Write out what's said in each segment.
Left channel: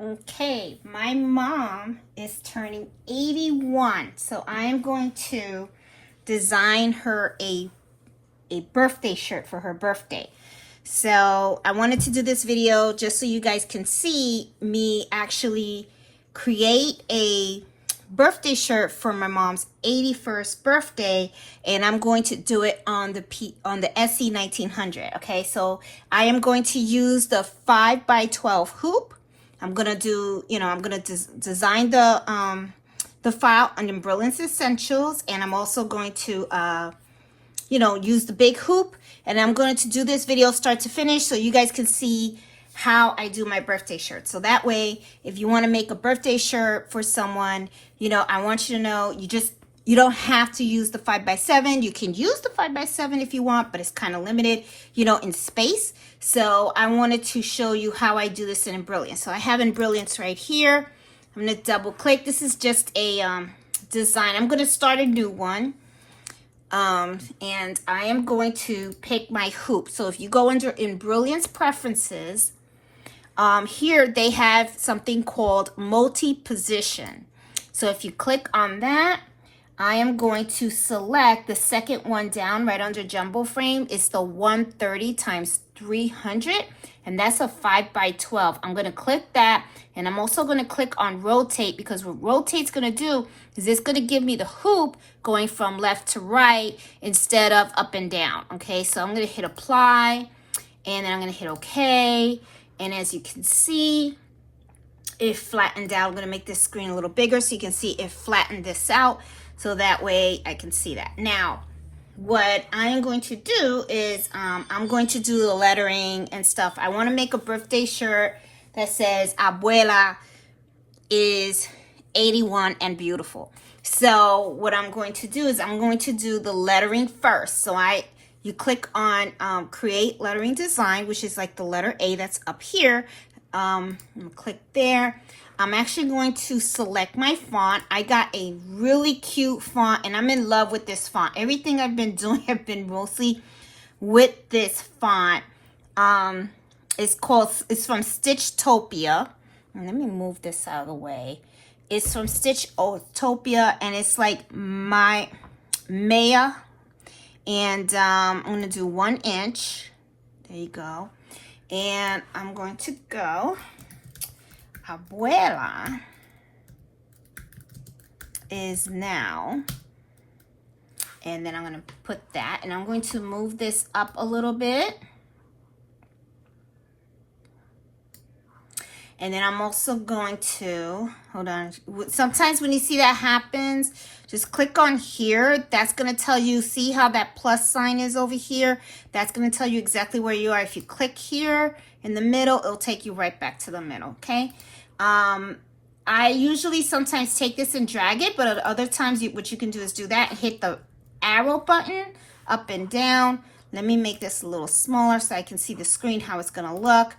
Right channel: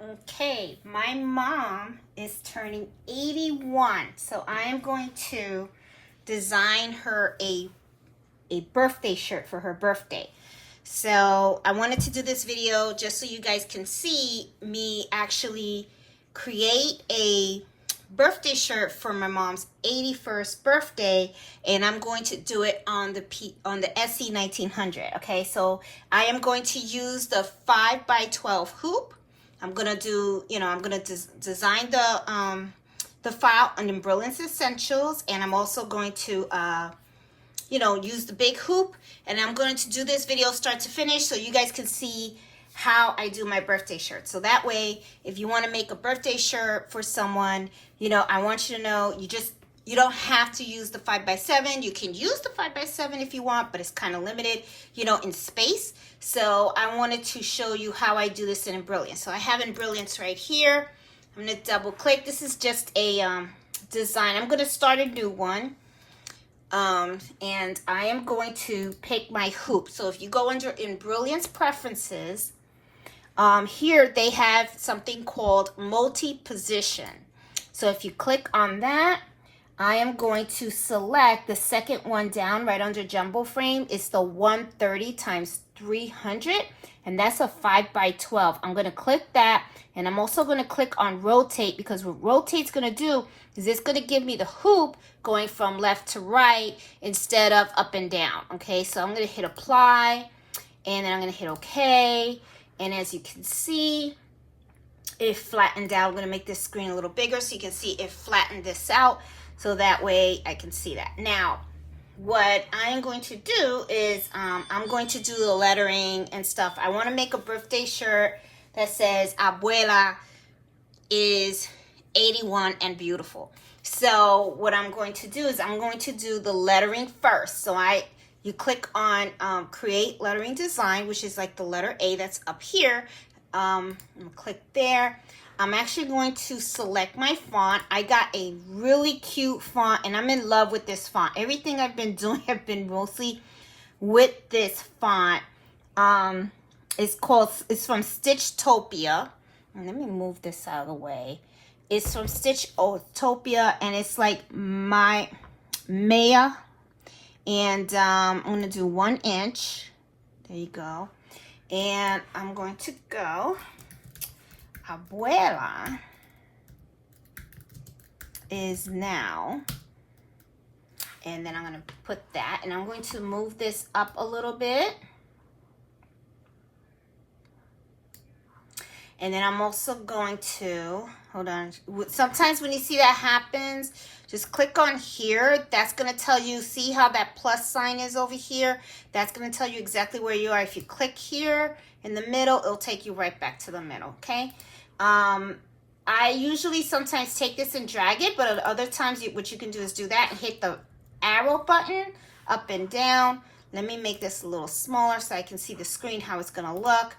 Okay, my mom is turning 81, so I am going to design her a birthday shirt for her birthday. So I wanted to do this video just so you guys can see me actually create a birthday shirt for my mom's 81st birthday, and I'm going to do it on the SE 1900. Okay, so I am going to use the 5x12 hoop. I'm gonna do, I'm gonna design the file on Brilliance Essentials, and I'm also going to use the big hoop, and I'm going to do this video start to finish so you guys can see how I do my birthday shirt. So that way, if you want to make a birthday shirt for someone, I want you to know you don't have to use the 5x7. You can use the 5x7 if you want, but it's kind of limited, in space. So I wanted to show you how I do this in Brilliance. So I have in Brilliance right here. I'm going to double click. This is just a design. I'm going to start a new one. And I am going to pick my hoop. So if you go in Brilliance Preferences, here they have something called multi-position. So if you click on that, I am going to select the second one down right under jumbo frame. It's the 130 times 300, and that's a 5x12. I'm going to click that, and I'm also going to click on rotate, because what rotate's going to do is it's going to give me the hoop going from left to right instead of up and down. Okay, so I'm going to hit apply, and then I'm going to hit OK, and as you can see, it flattened out. I'm going to make this screen a little bigger so you can see it flattened this out, so that way I can see that. Now, what I am going to do is I'm going to do the lettering and stuff. I want to make a birthday shirt that says Abuela is 81 and beautiful. So what I'm going to do is I'm going to do the lettering first. So you click on create lettering design, which is like the letter A that's up here. Click there. I'm actually going to select my font. I got a really cute font, and I'm in love with this font. Everything I've been doing have been mostly with this font. It's from Stitchtopia. Let me move this out of the way. It's from Stitchtopia, and it's like my Maya. And I'm going to do 1 inch. There you go. And I'm going to go Abuela is now, and then I'm going to put that, and I'm going to move this up a little bit, and then I'm also going to, hold on, sometimes when you see that happens, just click on here. That's going to tell you, see how that plus sign is over here? That's going to tell you exactly where you are. If you click here in the middle, it'll take you right back to the middle, okay? I usually sometimes take this and drag it, but at other times what you can do is do that and hit the arrow button up and down. Let me make this a little smaller so I can see the screen, how it's going to look.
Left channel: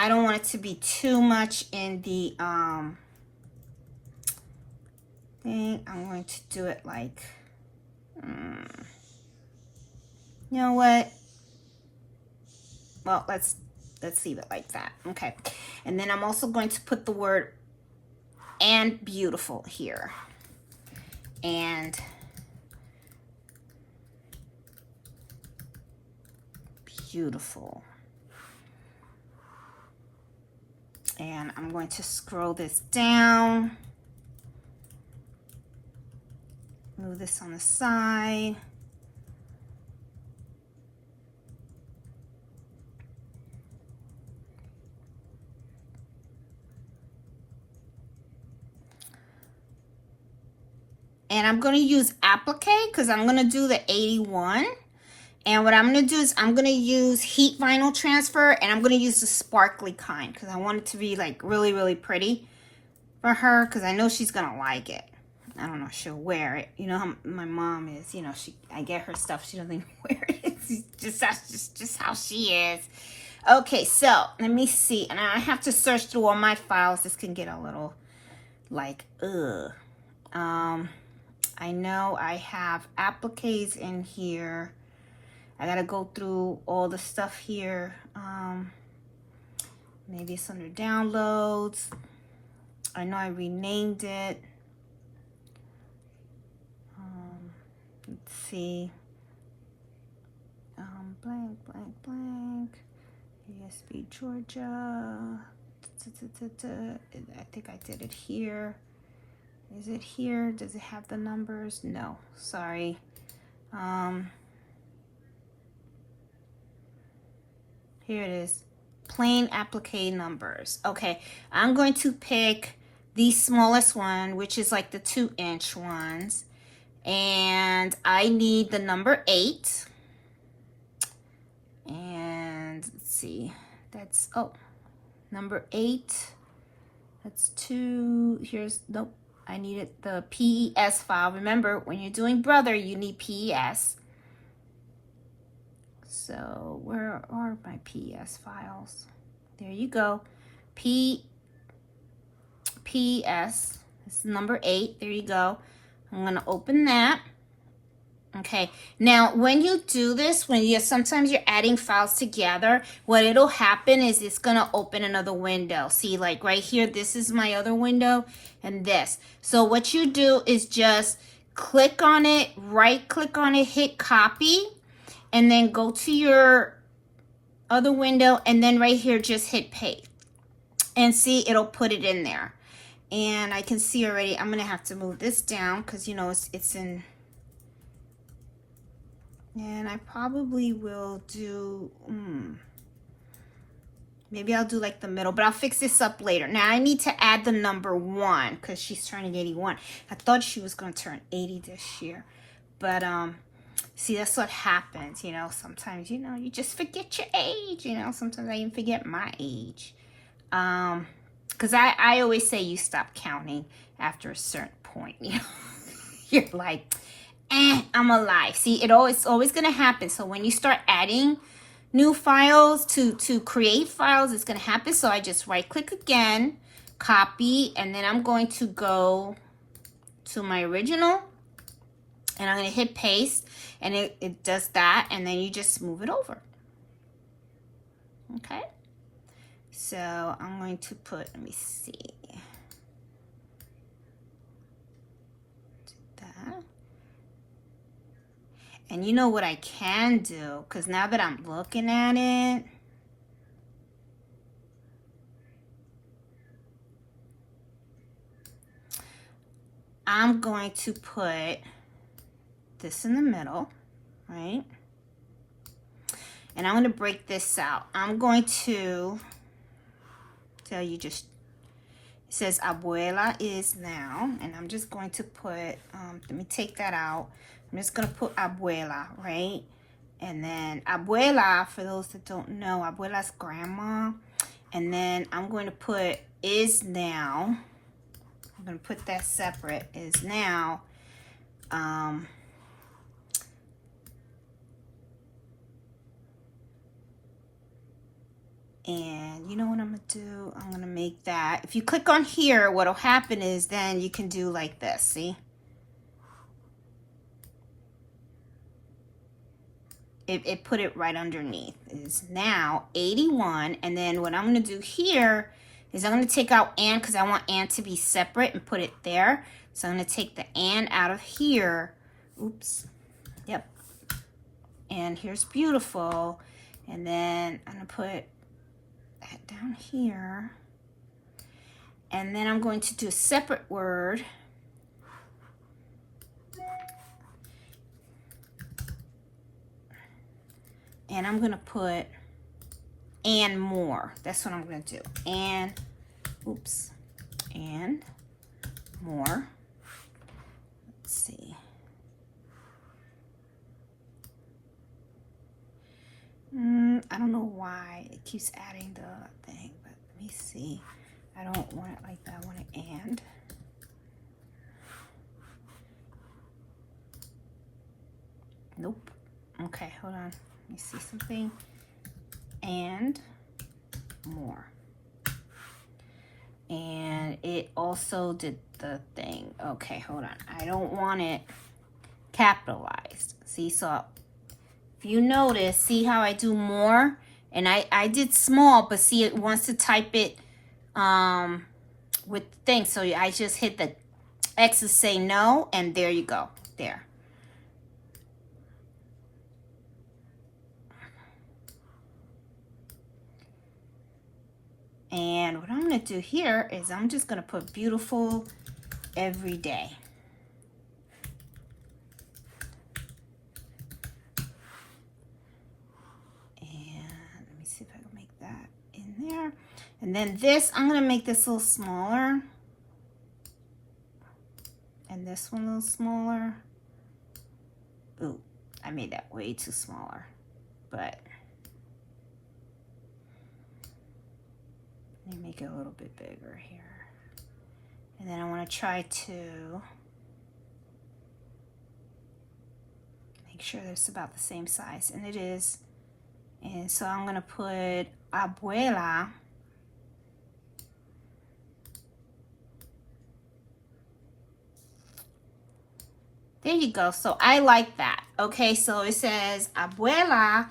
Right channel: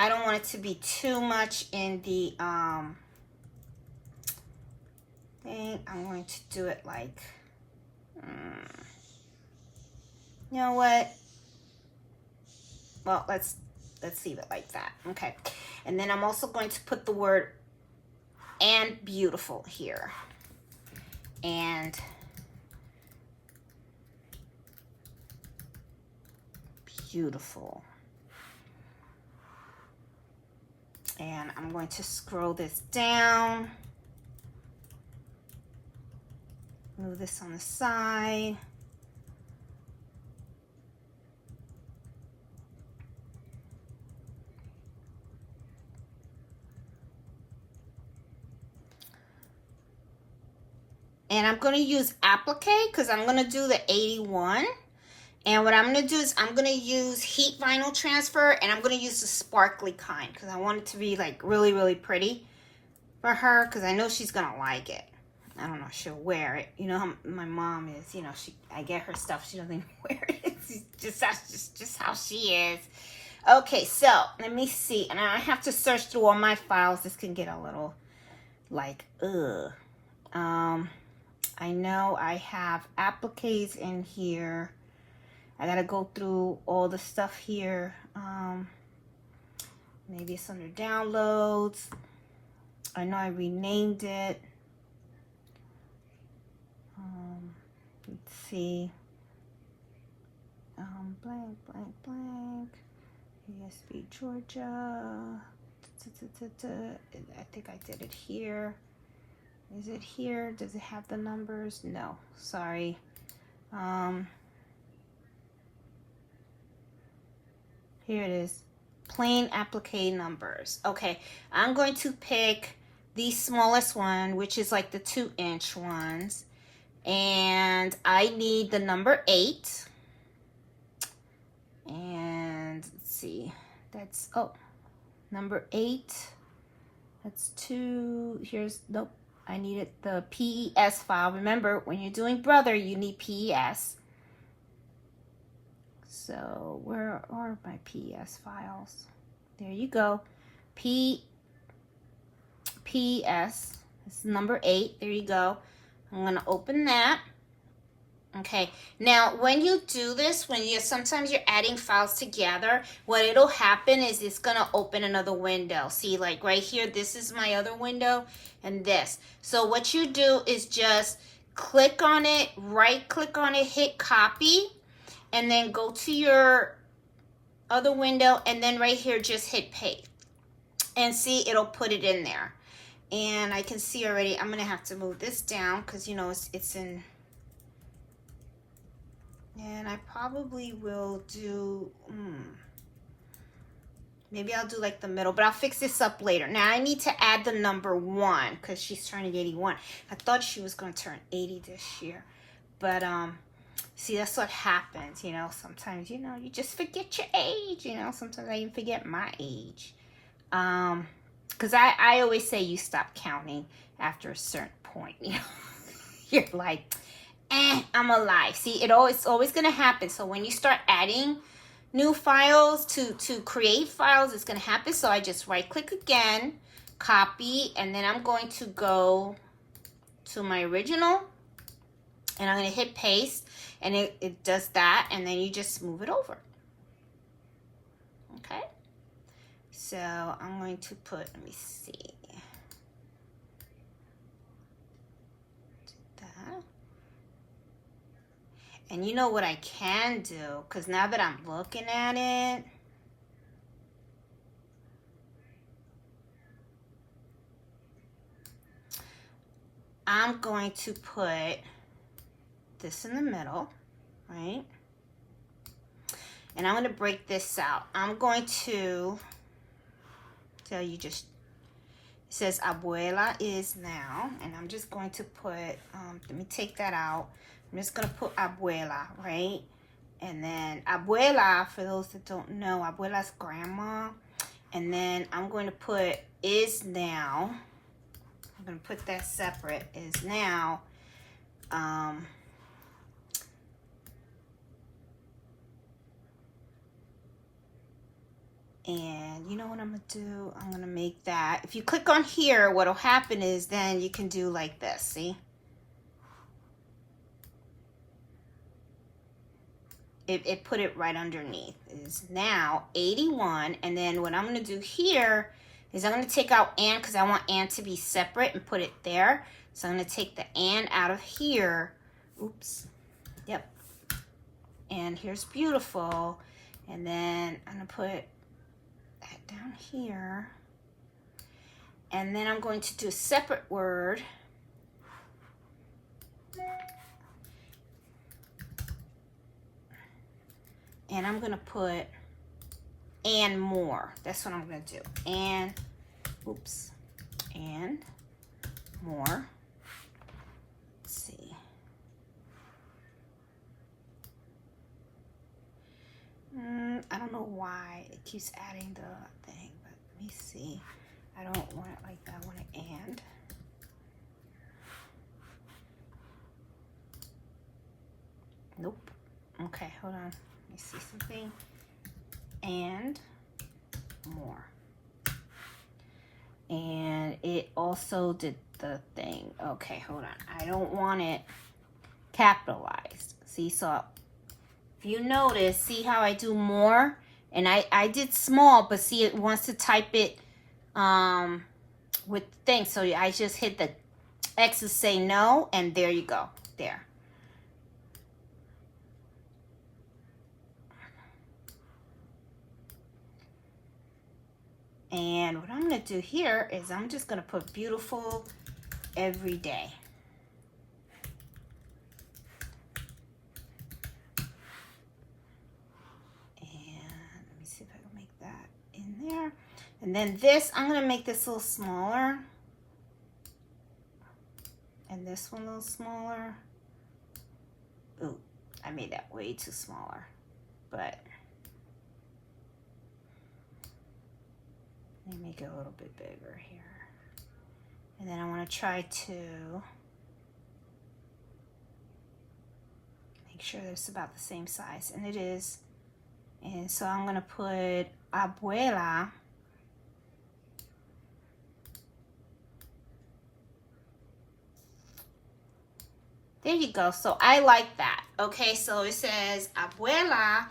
I don't want it to be too much in the thing. I'm going to do it like, you know what? Well, let's leave it like that. Okay. And then I'm also going to put the word and beautiful here. And beautiful. And I'm going to scroll this down. Move this on the side. And I'm going to use Applique because I'm going to do the 81. And what I'm going to do is I'm going to use heat vinyl transfer, and I'm going to use the sparkly kind because I want it to be like really, really pretty for her, because I know she's going to like it. I don't know if she'll wear it. You know how my mom is, I get her stuff, she doesn't wear it. That's just how she is. Okay, so let me see. And I have to search through all my files. This can get a little like, ugh. I know I have appliques in here. I gotta go through all the stuff here. Maybe it's under downloads. I know I renamed it. Let's see. Blank, blank, blank. USB Georgia. I think I did it here. Is it here? Does it have the numbers? No, sorry. Here it is. Plain applique numbers. Okay, I'm going to pick the smallest one, which is like the 2-inch ones. And I need the number 8. And let's see. That's, oh, number 8. That's 2. Here's, nope. I needed the PES file. Remember, when you're doing brother, you need PES. So where are my PES files? There you go. PES. It's number 8. There you go. I'm going to open that. Okay. Now, when you do this, sometimes you're adding files together, what it'll happen is it's going to open another window. See, like right here, this is my other window and this. So what you do is just click on it, right click on it, hit copy, and then go to your other window, and then right here, just hit paste. And see, it'll put it in there. And I can see already, I'm going to have to move this down because, you know, it's in. And I probably will do, maybe I'll do like the middle, but I'll fix this up later. Now I need to add the number 1 because she's turning 81. I thought she was going to turn 80 this year. But, see, that's what happens, you know. Sometimes, you know, you just forget your age, you know. Sometimes I even forget my age. Because I always say you stop counting after a certain point, you know. You're like, I'm alive. See, it's always going to happen. So when you start adding new files to create files, it's going to happen. So I just right click again, copy, and then I'm going to go to my original, and I'm going to hit paste, and it does that, and then you just move it over. Okay. So I'm going to put, let me see. And you know what I can do, because now that I'm looking at it, I'm going to put this in the middle, right? And I'm going to break this out. I'm going to tell you just, it says Abuela is now, and I'm just going to put, let me take that out. I'm just going to put Abuela, right? And then Abuela, for those that don't know, Abuela's grandma. And then I'm going to put is now. I'm going to put that separate, is now. And you know what I'm going to do? I'm going to make that. If you click on here, what will happen is then you can do like this, see? It put it right underneath. It's now 81, and then what I'm going to do here is I'm going to take out and, because I want and to be separate, and put it there. So I'm going to take the and out of here. Oops. Yep. And here's beautiful. And then I'm going to put that down here. And then I'm going to do a separate word. And I'm going to put and more. That's what I'm going to do. And, oops, and more. Let's see. I don't know why it keeps adding the thing, but let me see. I don't want it like that. I want it and. Nope. Okay, hold on. Let me see something. And more. And it also did the thing. Okay, hold on. I don't want it capitalized. See, so if you notice, see how I do more? And I did small, but see, it wants to type it with the thing. So I just hit the X to say no, and there you go. There. And what I'm going to do here is I'm just going to put beautiful every day. And then this, I'm going to make this a little smaller. And this one a little smaller. Ooh, I made that way too smaller. But let me make it a little bit bigger here. And then I want to try to make sure that it's about the same size. And it is. And so I'm going to put Abuela. There you go. So I like that. Okay, so it says Abuela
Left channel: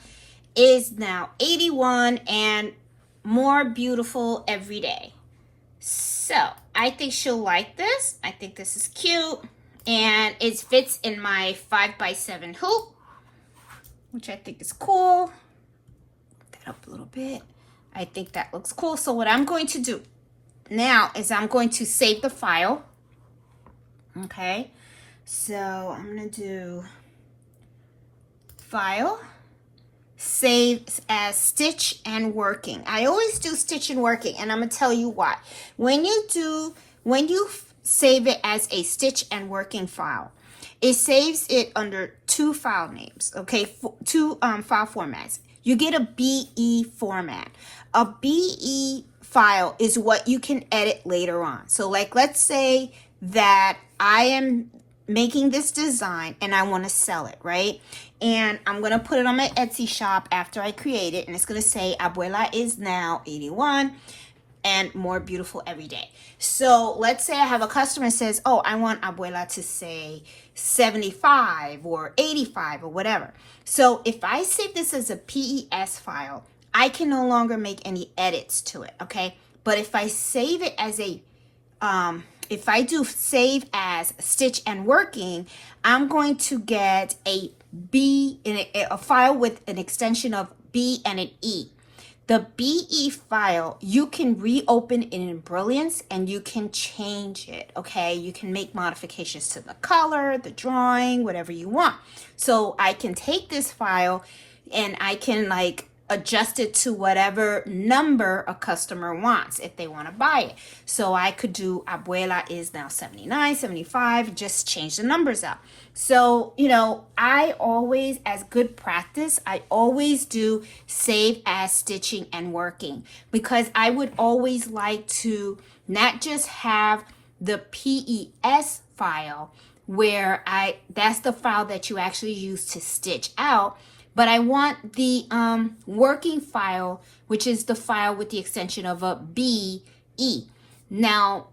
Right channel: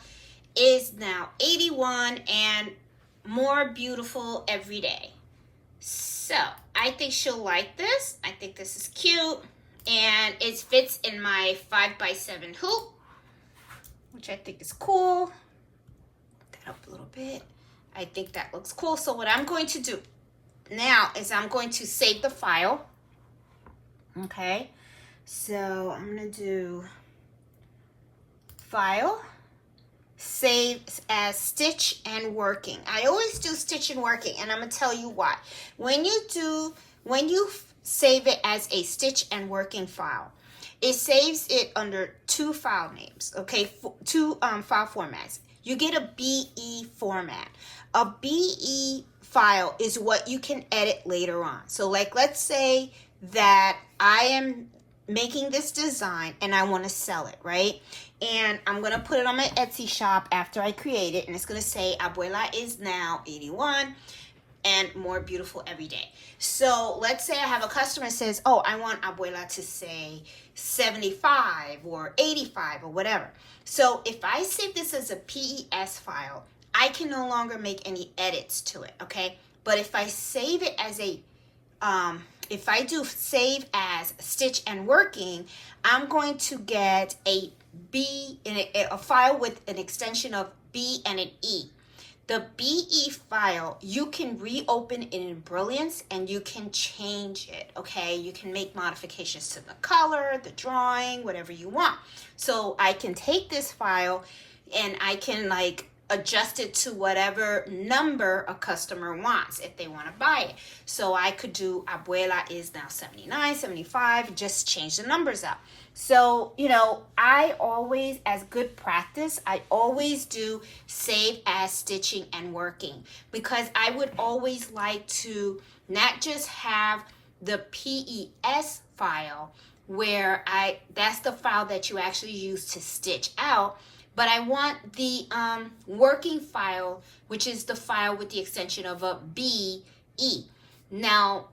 is now 81 and more beautiful every day. So I think she'll like this. I think this is cute. And it fits in my 5x7 hoop, which I think is cool. Put that up a little bit. I think that looks cool. So what I'm going to do now is I'm going to save the file. Okay. So I'm going to do File, Save as Stitch and Working. I always do Stitch and Working, and I'm going to tell you why. When you save it as a Stitch and Working file, it saves it under two file names, okay, two file formats. You get a BE format. A BE file is what you can edit later on. So like, let's say that I am making this design and I want to sell it, right? And I'm going to put it on my Etsy shop after I create it, and it's going to say Abuela is now 81 and more beautiful every day. So let's say I have a customer says, oh, I want Abuela to say 75 or 85 or whatever. So if I save this as a PES file, I can no longer make any edits to it, okay? But if I save it as a if I do save as Stitch and Working, I'm going to get a file with an extension of B and an E. The BE file, you can reopen in Brilliance and you can change it, okay? You can make modifications to the color, the drawing, whatever you want. So I can take this file and I can like adjust it to whatever number a customer wants if they want to buy it. So I could do Abuela is now 79, 75, just change the numbers out. So, you know, I always, as good practice, I always do save as Stitching and Working, because I would always like to not just have the PES file where that's the file that you actually use to stitch out, but I want the working file, which is the file with the extension of a BE. Now,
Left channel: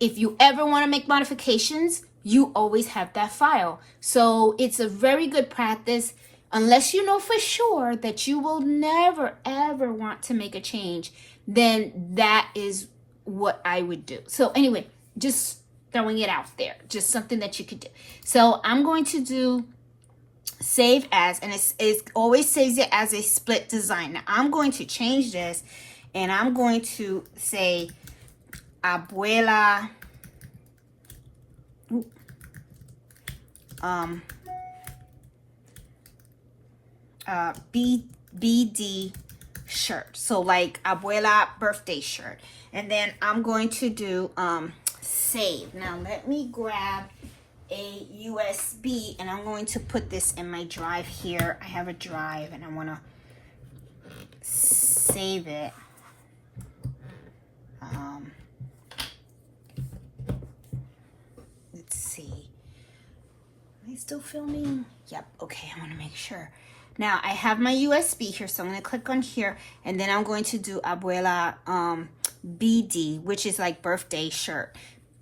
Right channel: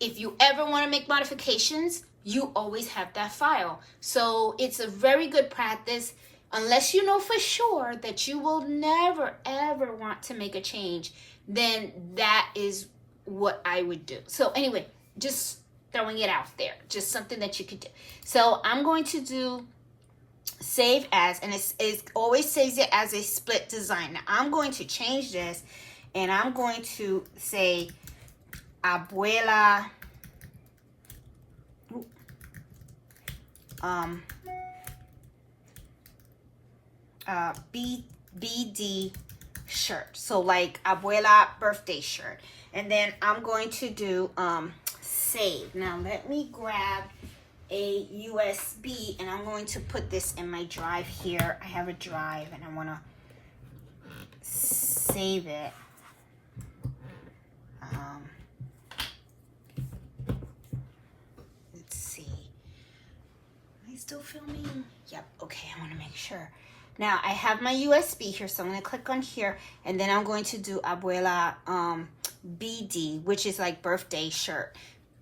if you ever want to make modifications, you always have that file. So it's a very good practice, unless you know for sure that you will never, ever want to make a change, then that is what I would do. So anyway, just throwing it out there, just something that you could do. So I'm going to do save as, and it always saves it as a split design. Now I'm going to change this, and I'm going to say Abuela BD shirt. So like Abuela birthday shirt. And then I'm going to do save. Now let me grab a USB, and I'm going to put this in my drive here. I have a drive and I want to save it. Let's see. Am I still filming? Yep. Okay, I want to make sure. Now I have my USB here, so I'm going to click on here, and then I'm going to do Abuela BD, which is like birthday shirt.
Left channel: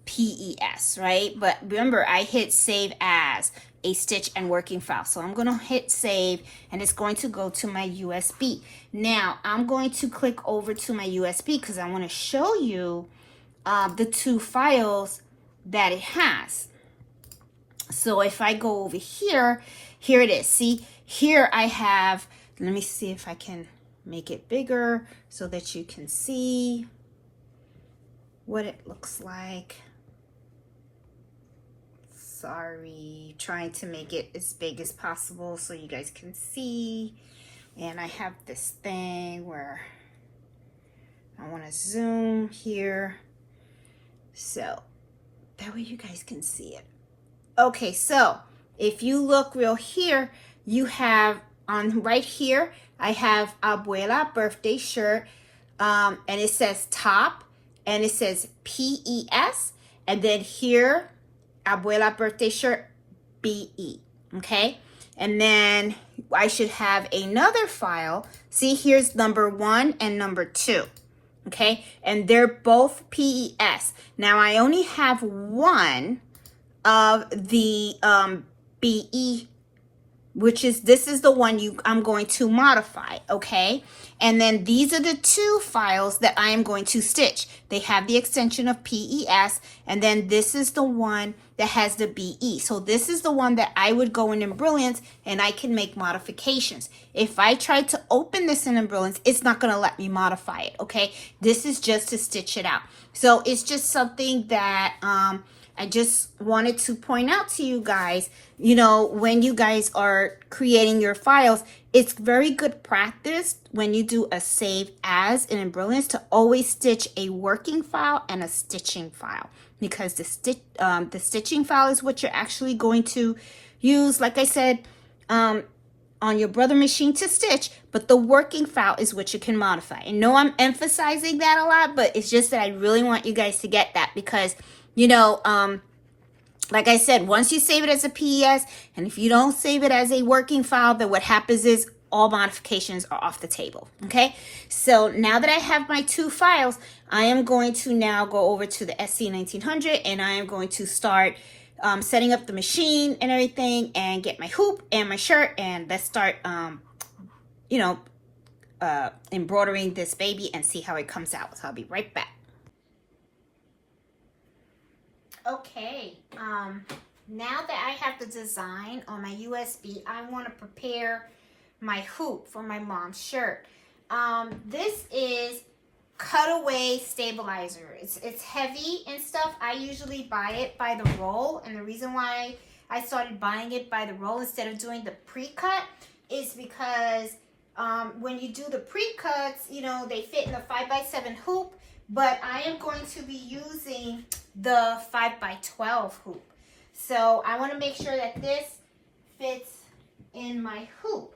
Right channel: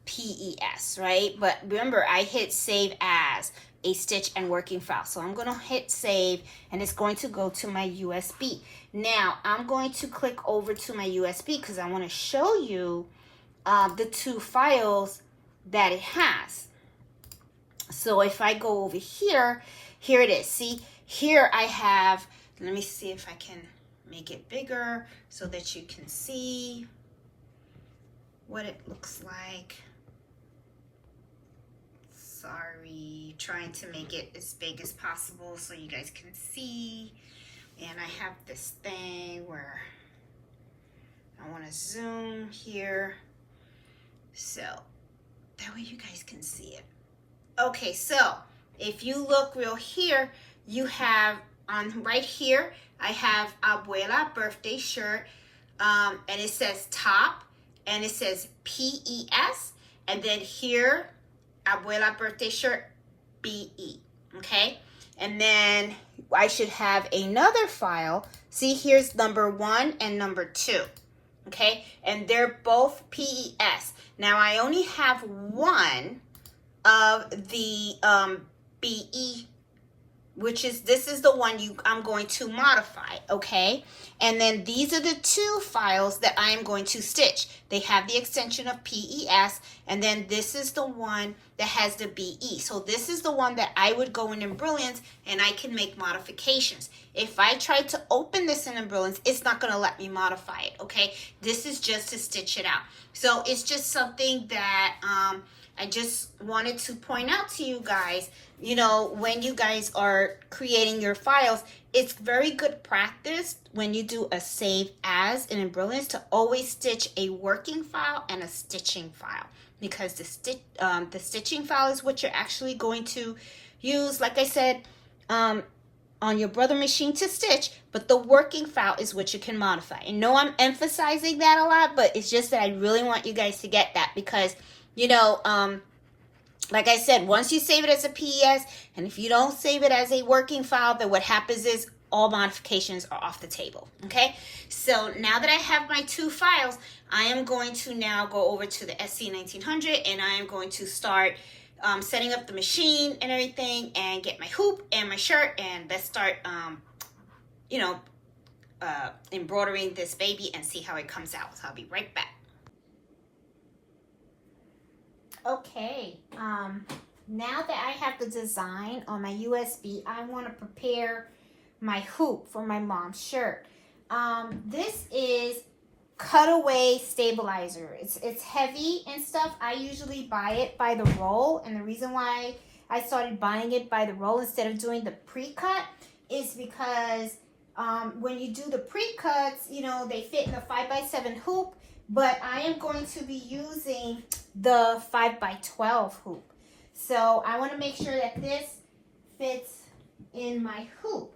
PES, right? But remember, I hit save as a stitch and working file. So I'm going to hit save, and it's going to go to my USB. Now I'm going to click over to my USB because I want to show you the two files that it has. So if I go over here, here it is. See, here I have, let me see if I can make it bigger so that you can see what it looks like. Sorry, trying to make it as big as possible so you guys can see. And I have this thing where I want to zoom here so that way you guys can see it. Okay, so if you look real here, you have on right here, I have Abuela birthday shirt, and it says top, and it says PES, and then here, Abuela birthday shirt, BE, okay? And then I should have another file. See, here's number 1 and number 2, okay? And they're both PES. Now, I only have one of the BE, which is, this is the one I'm going to modify, okay? And then these are the two files that I am going to stitch. They have the extension of PES, and then this is the one that has the BE. So this is the one that I would go in Embroidery and I can make modifications. If I try to open this in Embroidery, it's not gonna let me modify it, okay? This is just to stitch it out. So it's just something that I just wanted to point out to you guys. You know, when you guys are creating your files, it's very good practice when you do a save as in Embroidery to always stitch a working file and a stitching file, because the stitching file is what you're actually going to use, like I said, on your brother machine to stitch, but the working file is what you can modify. And no, I'm emphasizing that a lot, but it's just that I really want you guys to get that, because, you know, like I said, once you save it as a PES, and if you don't save it as a working file, then what happens is all modifications are off the table, okay? So now that I have my two files, I am going to now go over to the SC1900, and I am going to start setting up the machine and everything, and get my hoop and my shirt, and let's start, you know, embroidering this baby and see how it comes out. So I'll be right back. Okay, now that I have the design on my USB, I want to prepare my hoop for my mom's shirt. This is cutaway stabilizer. It's heavy and stuff. I usually buy it by the roll, and the reason why I started buying it by the roll instead of doing the pre-cut is because when you do the pre-cuts, you know, they fit in a 5x7 hoop, but I am going to be using the 5x12 hoop. So I want to make sure that this fits in my hoop.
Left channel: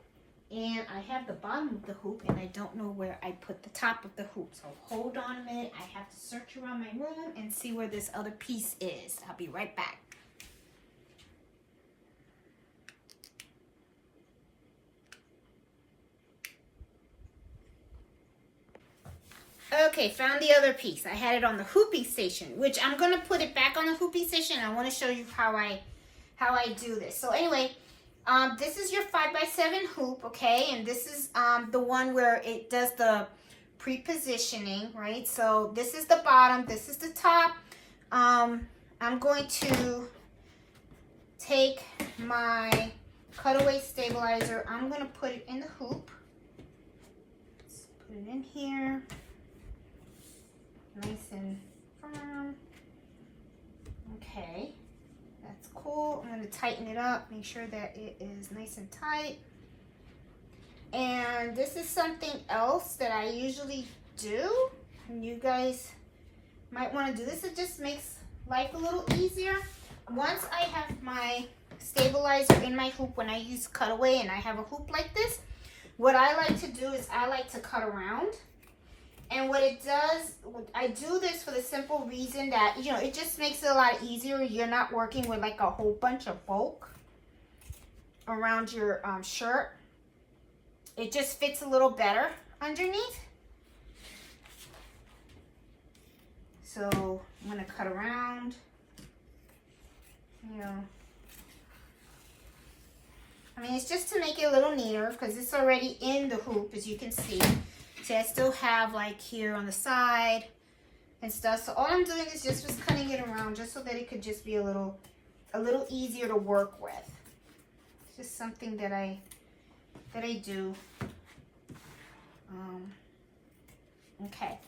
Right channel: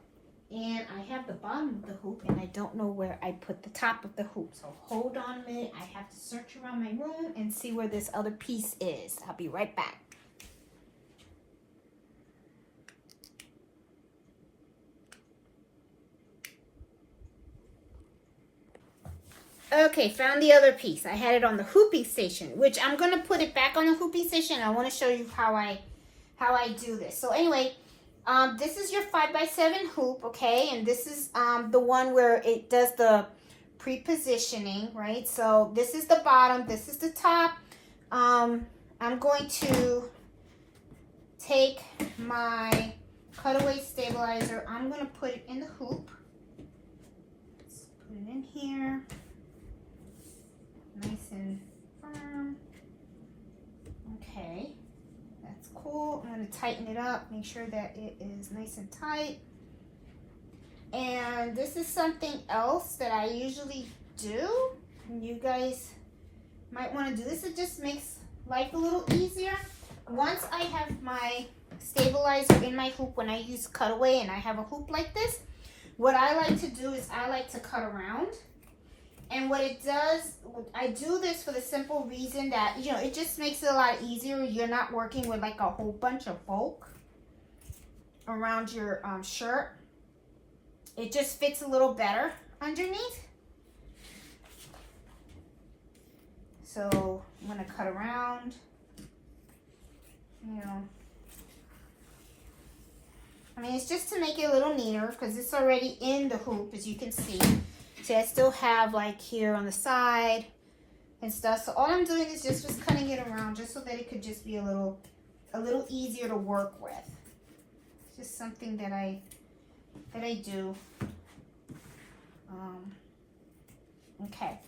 And I have the bottom of the hoop, and I don't know where I put the top of the hoop. So hold on a minute. I have to search around my room and see where this other piece is. I'll be right back. Okay, found the other piece. I had it on the hooping station, which I'm going to put it back on the hooping station. I want to show you how I do this. So anyway, this is your 5x7 hoop, okay? And this is the one where it does the pre-positioning, right? So this is the bottom, this is the top. I'm going to take my cutaway stabilizer. I'm going to put it in the hoop. Let's put it in here. Nice and firm. Okay, that's cool. I'm going to tighten it up, make sure that it is nice and tight. And this is something else that I usually do, and you guys might want to do this. It just makes life a little easier. Once I have my stabilizer in my hoop, when I use cutaway and I have a hoop like this, what I like to do is I like to cut around. And what it does, I do this for the simple reason that, you know, it just makes it a lot easier. You're not working with like a whole bunch of bulk around your shirt. It just fits a little better underneath. So I'm going to cut around, you know. I mean, it's just to make it a little neater because it's already in the hoop, as you can see. So I still have like here on the side and stuff. So all I'm doing is just cutting it around just so that it could just be a little easier to work with. It's just something that I do. Okay.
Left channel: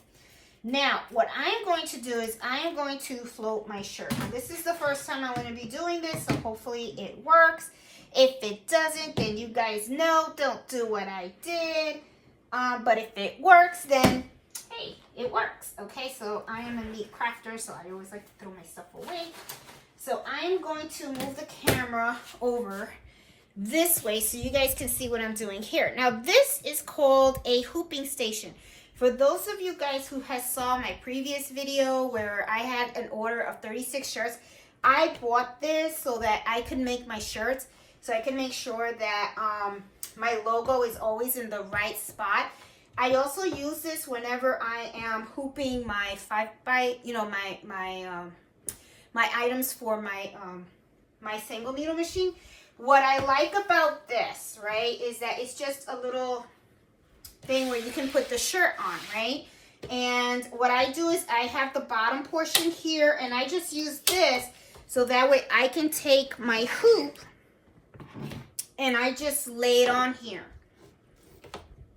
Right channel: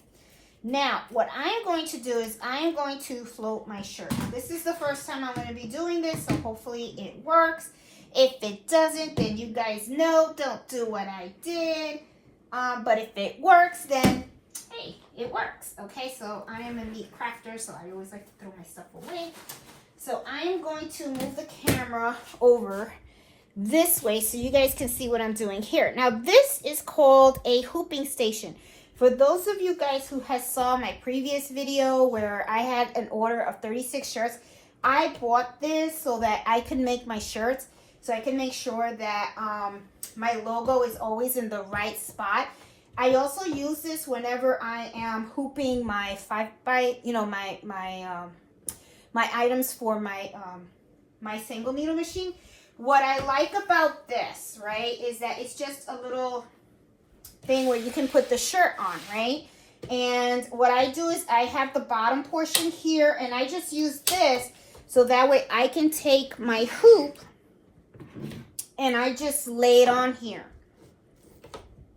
Now, what I am going to do is I am going to float my shirt. Now, this is the first time I'm going to be doing this, so hopefully it works. If it doesn't, then you guys know, don't do what I did. But if it works, then, hey, it works. Okay, so I am a neat crafter, so I always like to throw my stuff away. So I am going to move the camera over this way so you guys can see what I'm doing here. Now, this is called a hooping station. For those of you guys who has saw my previous video where I had an order of 36 shirts, I bought this so that I could make my shirts, so I can make sure that my logo is always in the right spot. I also use this whenever I am hooping my 5x, you know, my items for my single needle machine. What I like about this, right, is that it's just a little thing where you can put the shirt on, right? And what I do is I have the bottom portion here, and I just use this so that way I can take my hoop and I just lay it on here.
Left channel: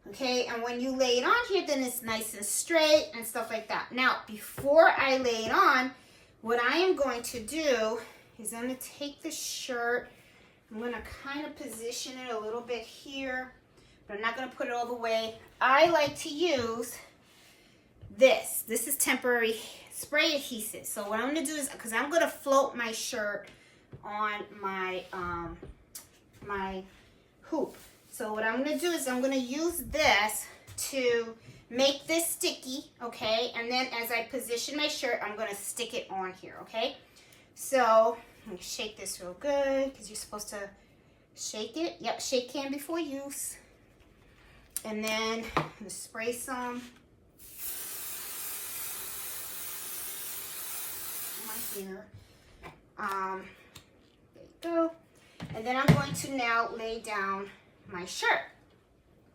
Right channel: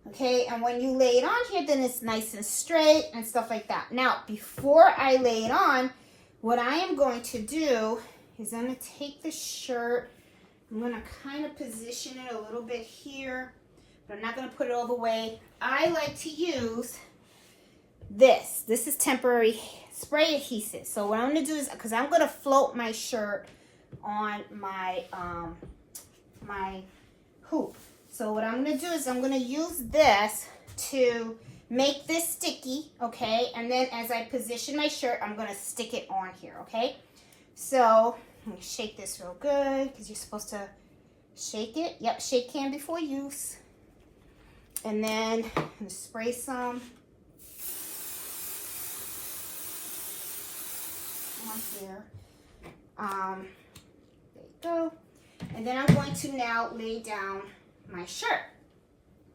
Okay, and when you lay it on here, then it's nice and straight and stuff like that. Now, before I lay it on, what I am going to do is I'm going to take the shirt, I'm going to kind of position it a little bit here, but I'm not going to put it all the way. I like to use this. This is temporary spray adhesive. So what I'm going to do is, because I'm going to float my shirt on my my hoop. So what I'm going to do is I'm going to use this to make this sticky, okay? And then as I position my shirt, I'm going to stick it on here, okay? So I'm going to shake this real good because you're supposed to shake it. Yep, shake can before use. And then I'm going to spray some on here. There you go. And then I'm going to now lay down my shirt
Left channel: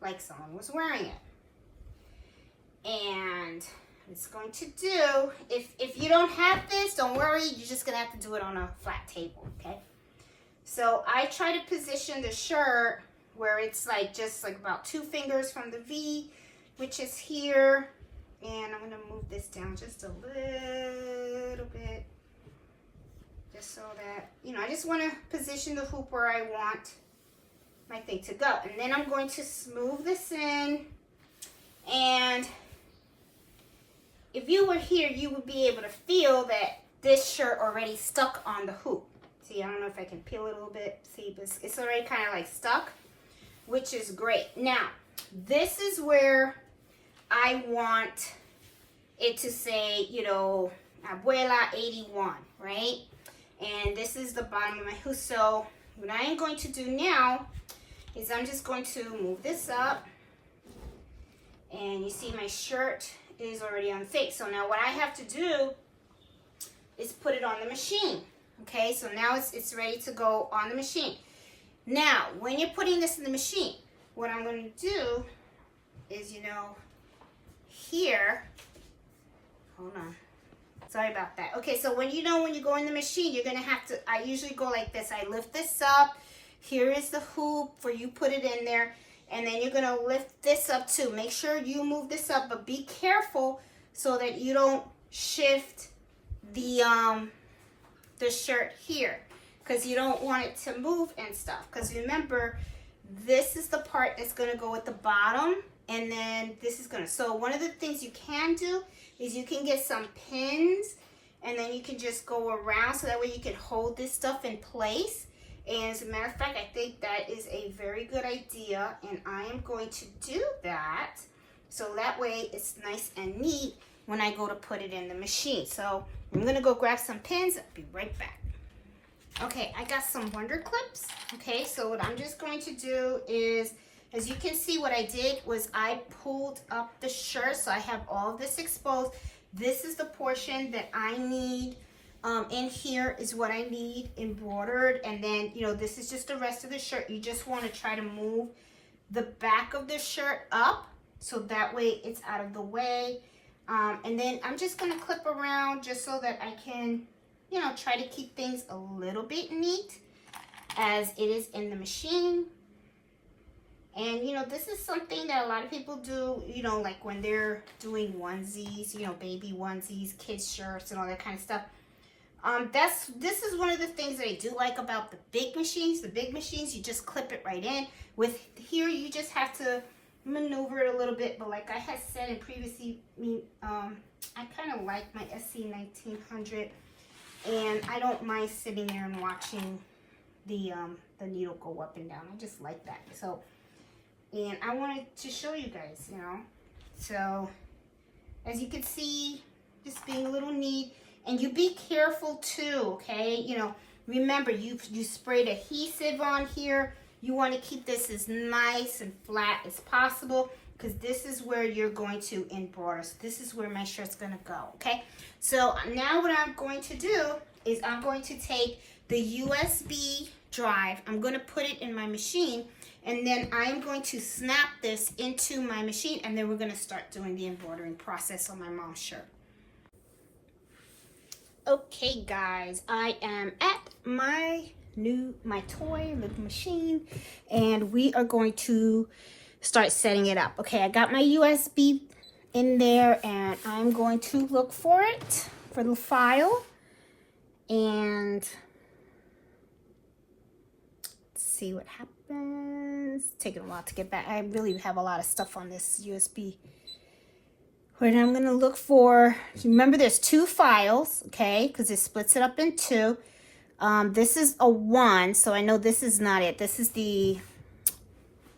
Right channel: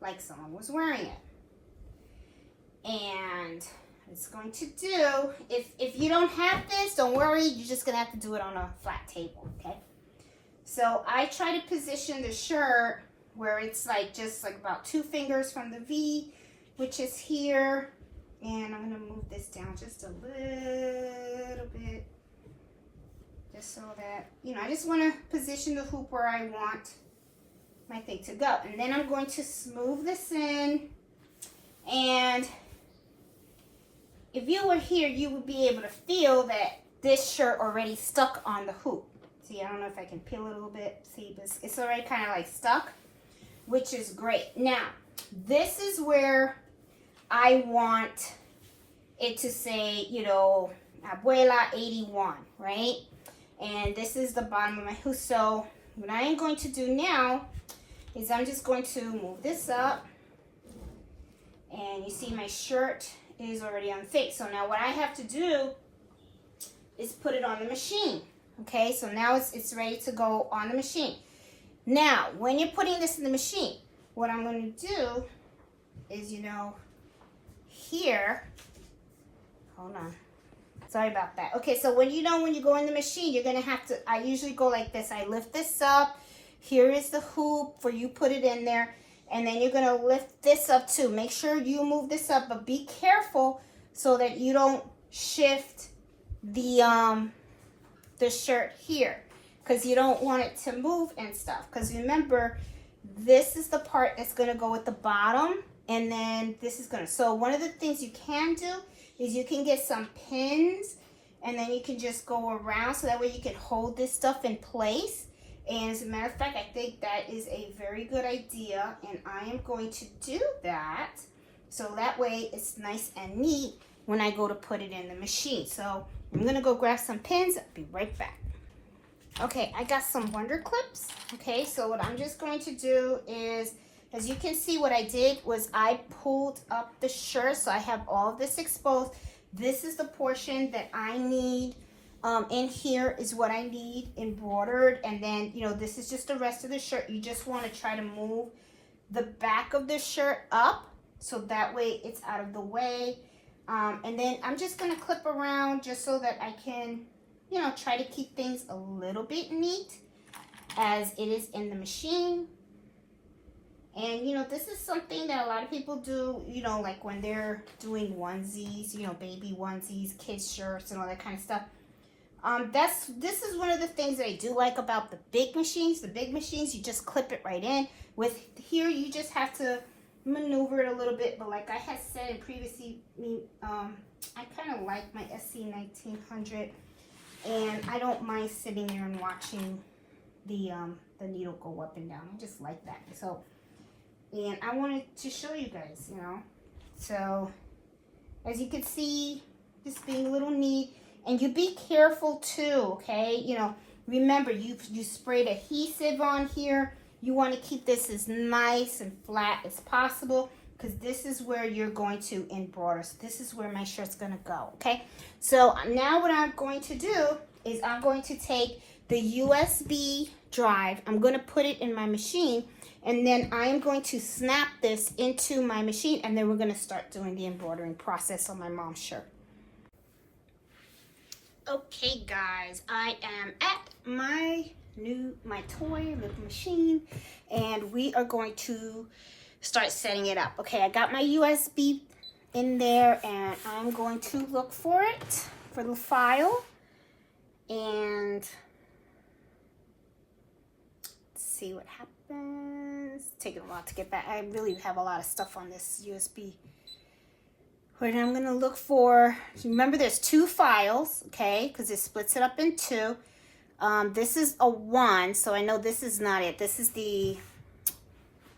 like someone was wearing it. And it's going to do, if you don't have this, don't worry, you're just going to have to do it on a flat table, okay? So I try to position the shirt where it's like just like about 2 fingers from the V, which is here. And I'm going to move this down just a little bit, just so that, you know, I just want to position the hoop where I want my thing to go. And then I'm going to smooth this in, and if you were here, you would be able to feel that this shirt already stuck on the hoop. See, I don't know if I can peel it a little bit. See, it's already kind of like stuck, which is great. Now, this is where I want it to say, you know, Abuela 81, right? And this is the bottom of my hoop. So what I am going to do now is I'm just going to move this up. And you see my shirt is already on the face. So now what I have to do is put it on the machine. Okay, so now it's ready to go on the machine. Now, when you're putting this in the machine, what I'm going to do is, you know, here, hold on. Sorry about that. Okay, so when you go in the machine, you're going to have to, I usually go like this. I lift this up. Here is the hoop for you put it in there. And then you're going to lift this up too. Make sure you move this up, but be careful so that you don't shift the shirt here, because you don't want it to move and stuff. Because remember, this is the part that's going to go with the bottom, and then this is going to. So one of the things you can do is you can get some pins, and then you can just go around so that way you can hold this stuff in place. And as a matter of fact, I think that is a very good idea, and I am going to do that so that way it's nice and neat when I go to put it in the machine. So I'm going to go grab some pins. I'll be right back. Okay, I got some Wonder Clips. Okay, so what I'm just going to do is, as you can see, what I did was I pulled up the shirt, so I have all of this exposed. This is the portion that I need. In here is what I need embroidered, and then, you know, this is just the rest of the shirt. You just want to try to move the back of the shirt up so that way it's out of the way. And then I'm just going to clip around just so that I can, you know, try to keep things a little bit neat as it is in the machine. And, you know, this is something that a lot of people do, you know, like when they're doing onesies, you know, baby onesies, kids shirts and all that kind of stuff. This is one of the things that I do like about the big machines. The big machines, you just clip it right in. With here, you just have to maneuver it a little bit. But like I had said in previously, I kind of like my SC1900, and I don't mind sitting there and watching the needle go up and down. I just like that. So, and I wanted to show you guys, you know. So, as you can see, just being a little neat. And you be careful too, okay? You know, remember, you sprayed adhesive on here. You want to keep this as nice and flat as possible because this is where you're going to embroider. So this is where my shirt's going to go, okay? So now what I'm going to do is I'm going to take the USB drive. I'm going to put it in my machine, and then I am going to snap this into my machine, and then we're going to start doing the embroidering process on my mom's shirt. Okay guys, I am at my toy little machine, and we are going to start setting it up. Okay, I got my USB in there, and I'm going to look for it, for the file, and let's see what happens. It's taking a while to get back. I really have a lot of stuff on this USB. But I'm going to look for, remember there's two files, okay, because it splits it up in two. This is a 1, so I know this is not it. This is the,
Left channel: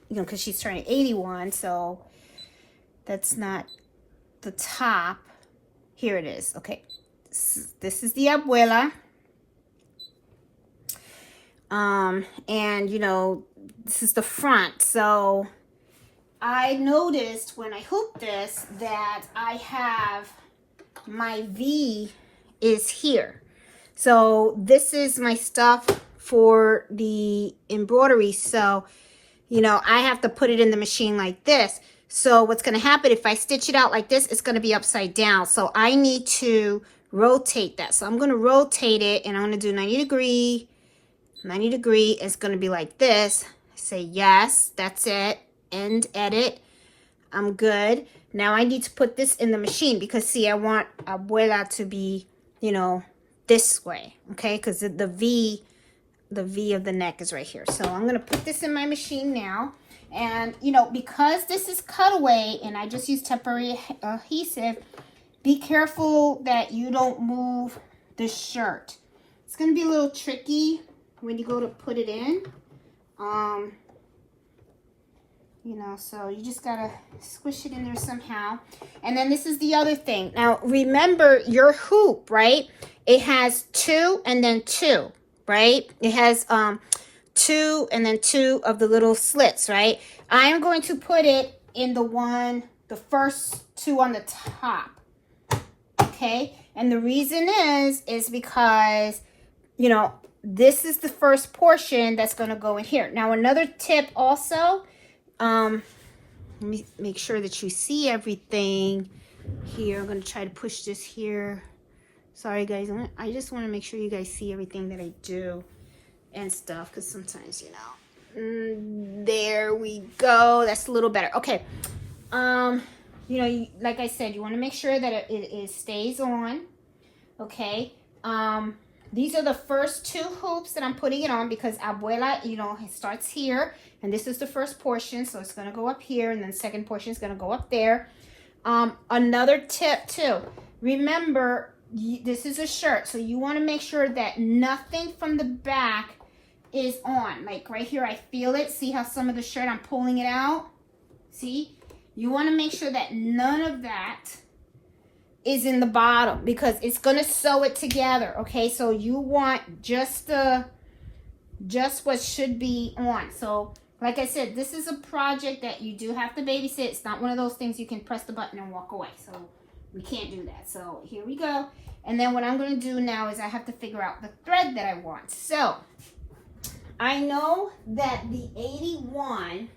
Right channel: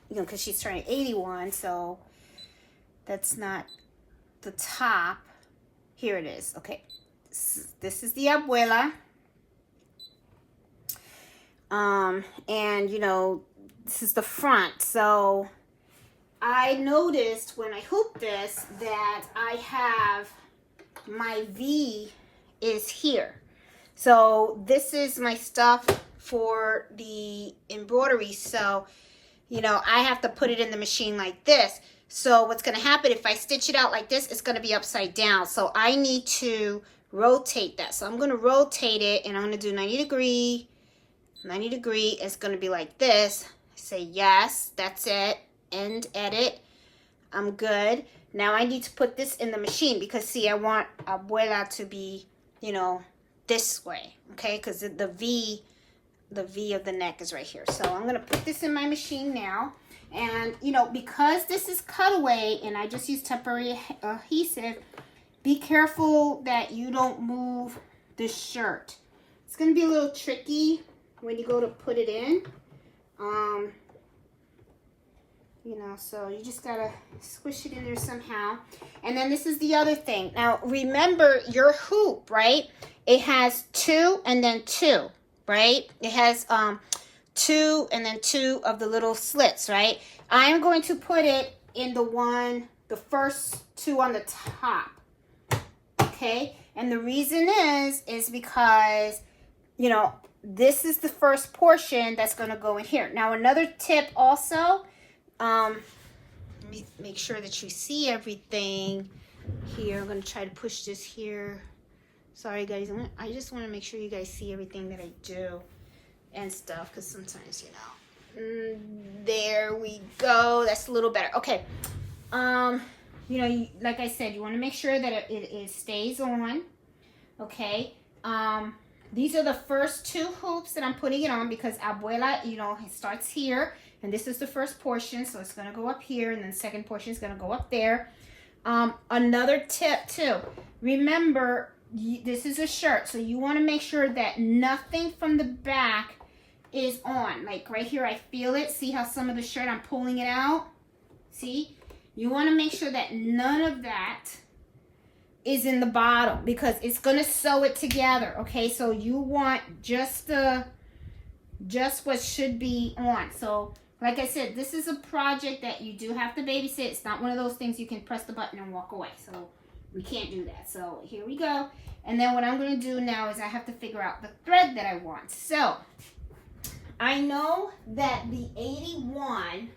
you know, because she's turning 81, so that's not the top. Here it is, okay. This is the Abuela. And, you know, this is the front, so I noticed when I hooped this that I have my V is here. So this is my stuff for the embroidery. So, you know, I have to put it in the machine like this. So what's going to happen if I stitch it out like this, it's going to be upside down. So I need to rotate that. So I'm going to rotate it, and I'm going to do 90 degree. 90 degree is going to be like this. Say yes, that's it. End edit. I'm good. Now I need to put this in the machine because see, I want Abuela to be, you know, this way, okay? Because the V of the neck is right here. So I'm gonna put this in my machine now, and you know, because this is cutaway and I just use temporary adhesive, be careful that you don't move the shirt. It's gonna be a little tricky when you go to put it in. You know, so you just gotta squish it in there somehow. And then this is the other thing. Now, remember your hoop, right? It has 2 and then 2, right? It has 2 and then 2 of the little slits, right? I am going to put it in the first 2 on the top, okay? And the reason is because, you know, this is the first portion that's gonna go in here. Now, another tip also, let me make sure that you see everything here. I'm going to try to push this here. Sorry guys, I just want to make sure you guys see everything that I do and stuff, because sometimes, you know, there we go. That's a little better. Okay. You know, like I said, you want to make sure that it stays on. Okay. These are the first 2 hoops that I'm putting it on because Abuela, you know, it starts here. And this is the first portion, so it's going to go up here. And then the second portion is going to go up there. Another tip, too. Remember, this is a shirt. So you want to make sure that nothing from the back is on. Like right here, I feel it. See how some of the shirt, I'm pulling it out? See? You want to make sure that none of that is in the bottom because it's going to sew it together. Okay, so you want just what should be on. So like I said, this is a project that you do have to babysit. It's not one of those things you can press the button and walk away. So we can't do that. So here we go. And then what I'm going to do now is I have to figure out the thread that I want. So I know that the 81,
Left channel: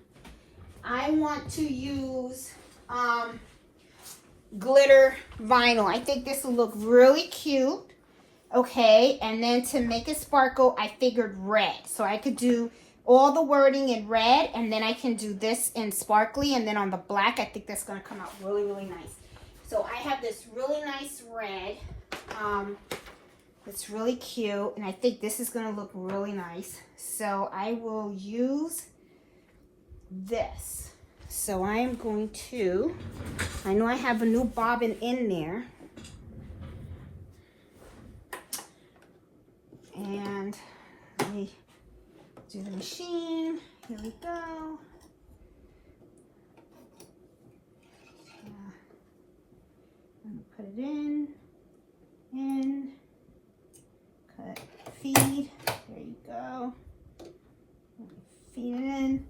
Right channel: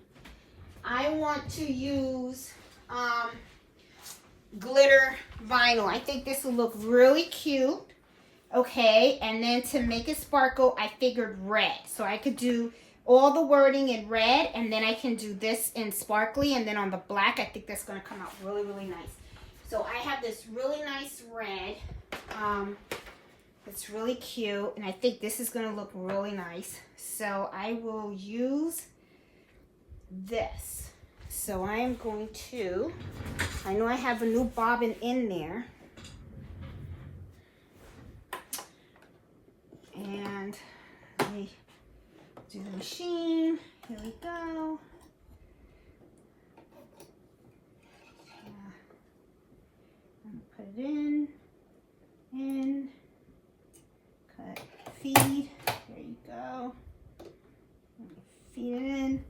I want to use glitter vinyl. I think this will look really cute. Okay, and then to make it sparkle, I figured red. So I could do all the wording in red, and then I can do this in sparkly, and then on the black, I think that's going to come out really, really nice. So I have this really nice red. It's really cute, and I think this is going to look really nice. So I will use this. So I am going to, I know I have a new bobbin in there. And let me do the machine. Here we go. I'm gonna put it in, cut, feed. There you go. Feed it in.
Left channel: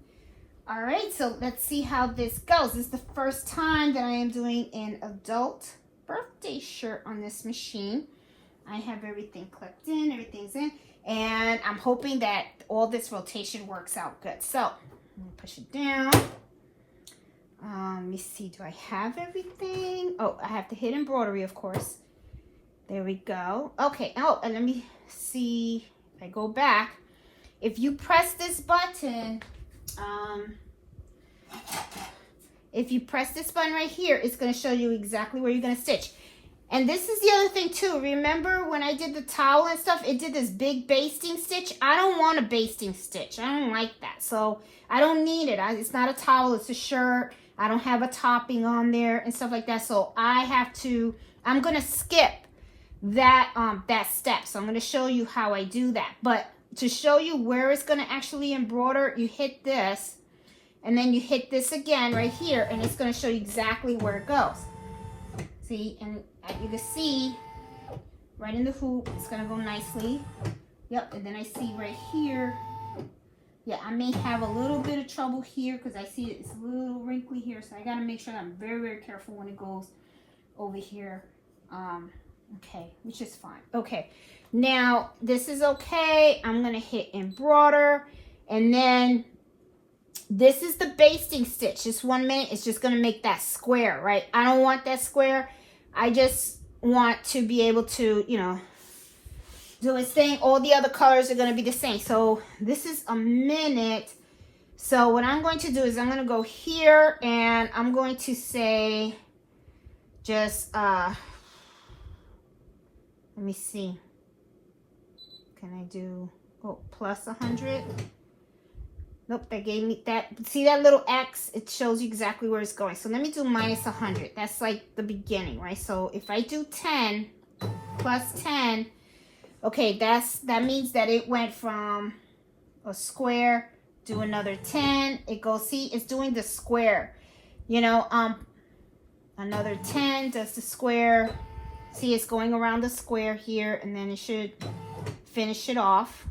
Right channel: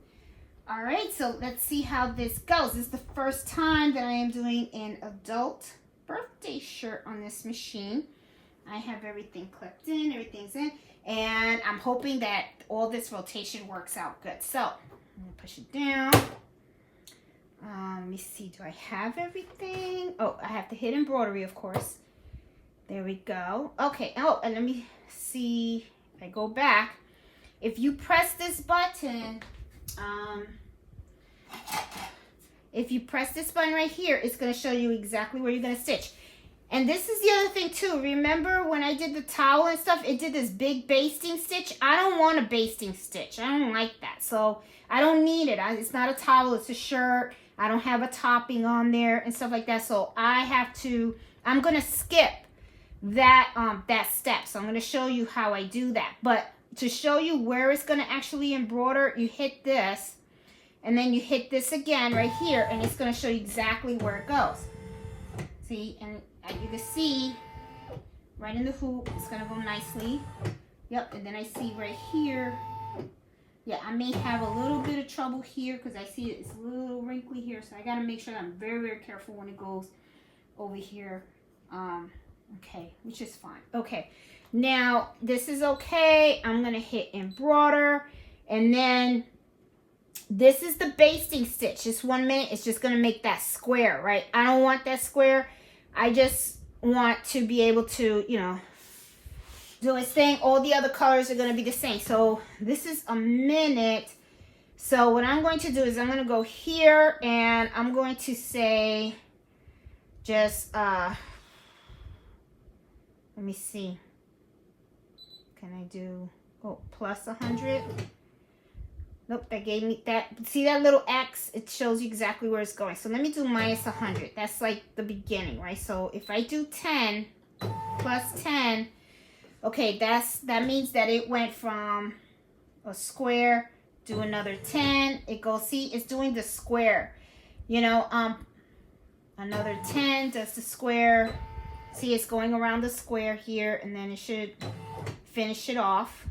All right, so let's see how this goes. This is the first time that I am doing an adult birthday shirt on this machine. I have everything clipped in, everything's in, and I'm hoping that all this rotation works out good. So, I'm gonna push it down. Let me see, do I have everything? Oh, I have to hit embroidery, of course. There we go. Okay, oh, and let me see, if I go back, if you press this button, right here, it's gonna show you exactly where you're gonna stitch. And this is the other thing too. Remember when I did the towel and stuff, it did this big basting stitch. I don't want a basting stitch. I don't like that. So I don't need it. It's not a towel, it's a shirt. I don't have a topping on there and stuff like that. So I'm gonna skip that step. So I'm gonna show you how I do that. But to show you where it's gonna actually embroider, you hit this and then you hit this again right here, and it's gonna show you exactly where it goes. See, and you can see right in the hoop, it's gonna go nicely. Yep, and then I see right here, yeah, I may have a little bit of trouble here because I see it's a little wrinkly here, so I gotta make sure that I'm very, very careful when it goes over here. Okay, which is fine. Okay, now this is okay. I'm gonna hit embroider, and then this is the basting stitch. Just 1 minute, it's just gonna make that square, right? I don't want that square. I just want to be able to, you know, do its thing. All the other colors are going to be the same. So this is a minute. So what I'm going to do is I'm going to go here and I'm going to say just, let me see. Can I do, plus 100? Nope, that gave me that. See that little X? It shows you exactly where it's going. So let me do minus 100. That's like the beginning, right? So if I do 10 plus 10, okay, that means that it went from a square to another 10. It goes, see, it's doing the square. You know, another 10 does the square. See, it's going around the square here, and then it should finish it off.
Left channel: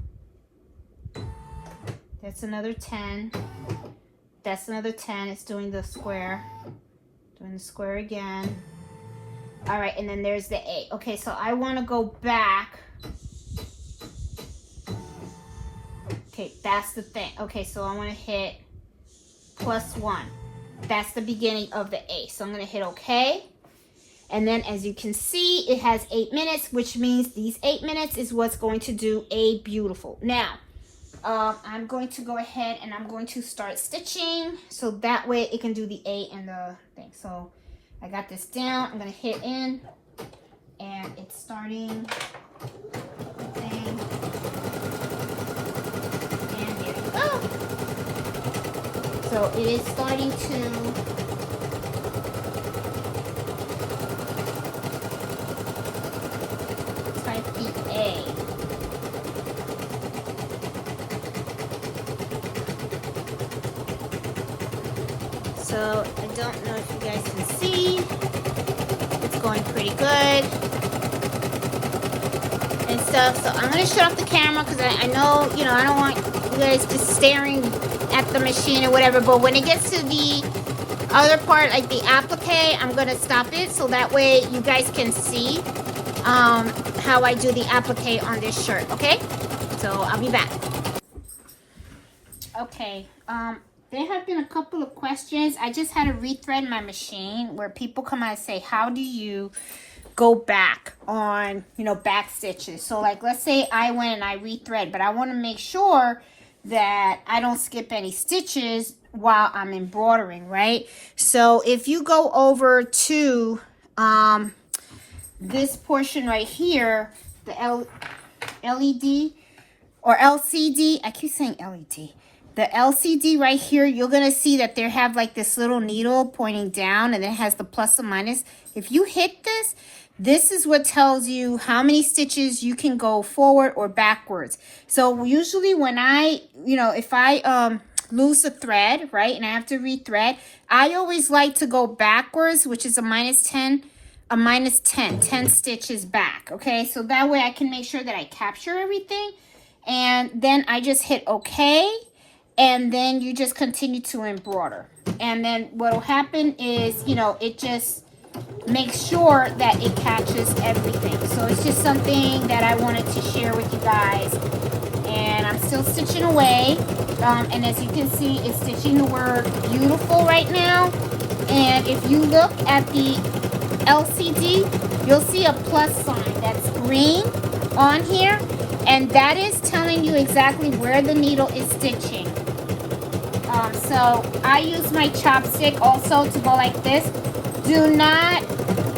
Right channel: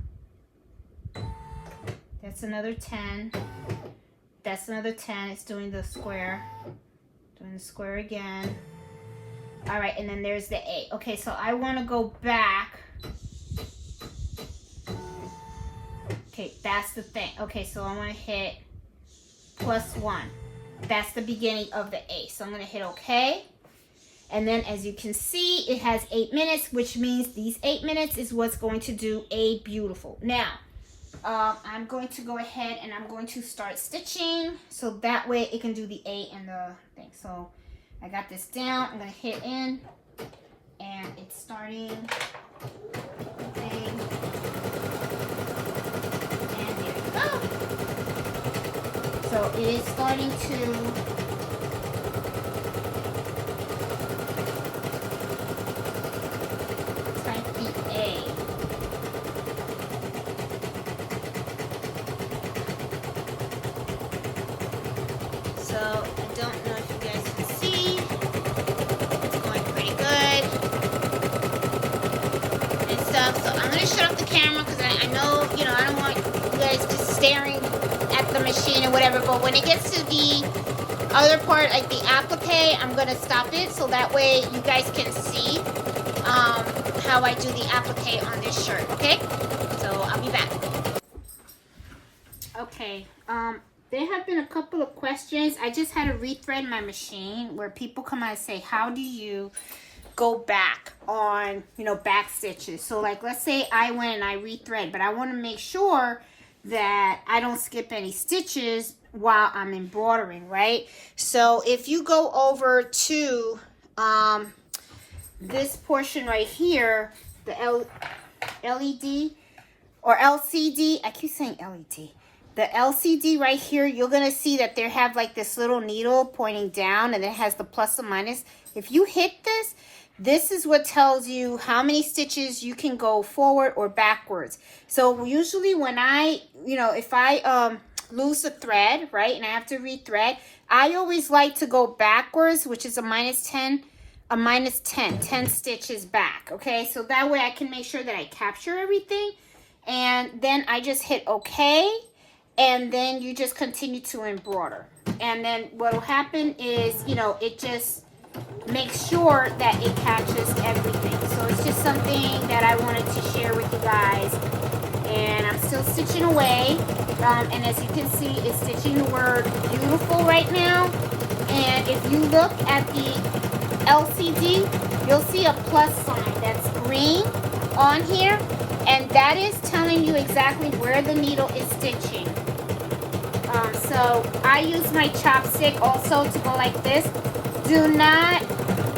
That's another 10. That's another 10. It's doing the square. Doing the square again. All right, and then there's the 8. Okay, so I want to go back. Okay, that's the thing. Okay, so I want to hit plus 1. That's the beginning of the 8. So I'm going to hit OK. And then as you can see, it has 8 minutes, which means these 8 minutes is what's going to do a beautiful. Now, I'm going to go ahead and I'm going to start stitching so that way it can do the 8 and the thing. So I got this down. I'm going to hit in and it's starting. Thing. And there we go. So it is starting to shut off the camera because I know, you know, I don't want you guys just staring at the machine or whatever, but when it gets to the other part, like the applique, I'm going to stop it so that way you guys can see how I do the applique on this shirt, okay? So I'll be back. Okay, there have been a couple of questions, I just had to rethread my machine where people come out and say, how do you go back on, you know, back stitches? So like, let's say I went and I rethread, but I want to make sure that I don't skip any stitches while I'm embroidering, right? So if you go over to this portion right here, the LED or LCD, I keep saying LED. The LCD right here, you're going to see that they have like this little needle pointing down, and it has the plus and minus. If you hit this, this is what tells you how many stitches you can go forward or backwards. So usually when I, you know, if I lose a thread, right, and I have to rethread, I always like to go backwards, which is a minus 10, 10 stitches back, okay? So that way I can make sure that I capture everything, and then I just hit okay, and then you just continue to embroider. And then what will happen is, you know, it just makes sure that it catches everything. So it's just something that I wanted to share with you guys. And I'm still stitching away. And as you can see, it's stitching the word beautiful right now. And if you look at the LCD, you'll see a plus sign that's green on here. And that is telling you exactly where the needle is stitching. So I use my chopstick also to go like this. Do not,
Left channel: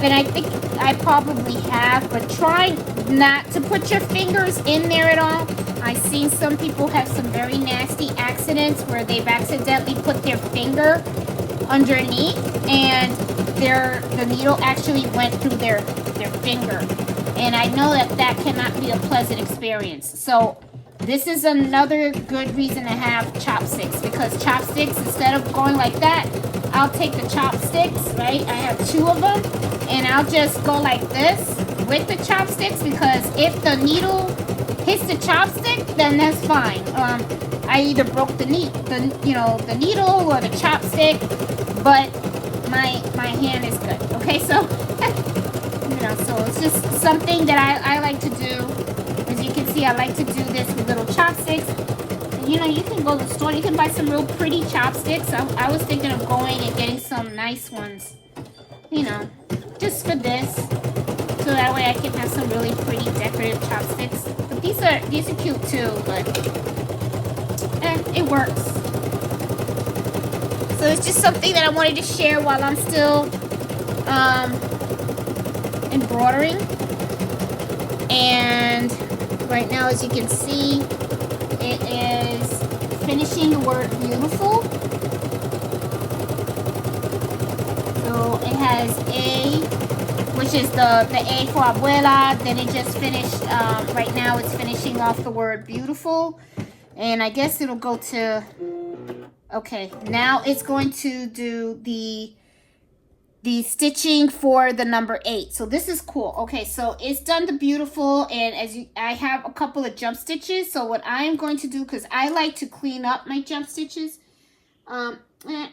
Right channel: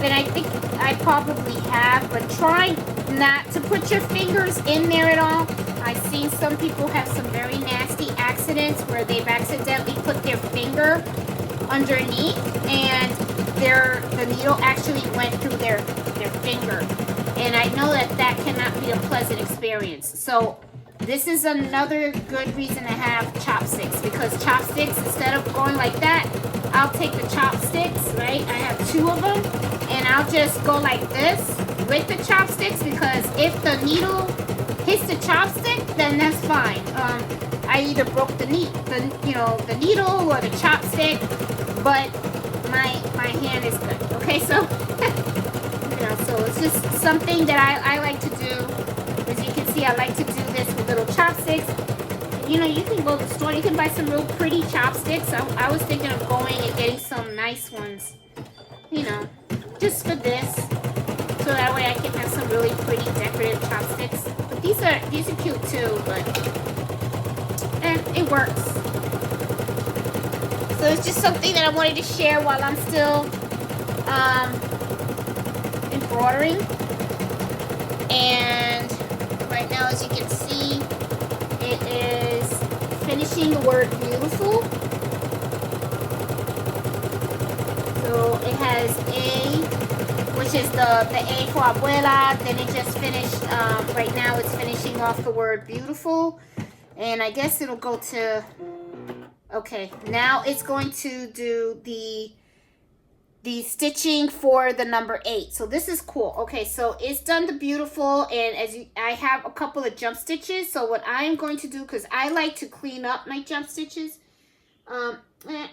and I think I probably have, but try not to put your fingers in there at all. I've seen some people have some very nasty accidents where they've accidentally put their finger underneath and the needle actually went through their finger. And I know that that cannot be a pleasant experience. So this is another good reason to have chopsticks, because chopsticks, instead of going like that, I'll take the chopsticks, right? I have 2 of them, and I'll just go like this with the chopsticks, because if the needle hits the chopstick, then that's fine. I either broke the needle or the chopstick, but my hand is good. Okay, so you know, so it's just something that I like to do. As you can see, I like to do this with little chopsticks. You know, you can go to the store, you can buy some real pretty chopsticks. I was thinking of going and getting some nice ones, you know, just for this. So that way I can have some really pretty decorative chopsticks. But these are cute too, but it works. So it's just something that I wanted to share while I'm still embroidering. And right now, as you can see, it is finishing the word beautiful. So it has A, which is the A for Abuela. Then it just finished, right now it's finishing off the word beautiful. And I guess it'll go to, okay, now it's going to do the stitching for the number 8. So this is cool. Okay, so it's done the beautiful, and I have a couple of jump stitches. So what I'm going to do, because I like to clean up my jump stitches, and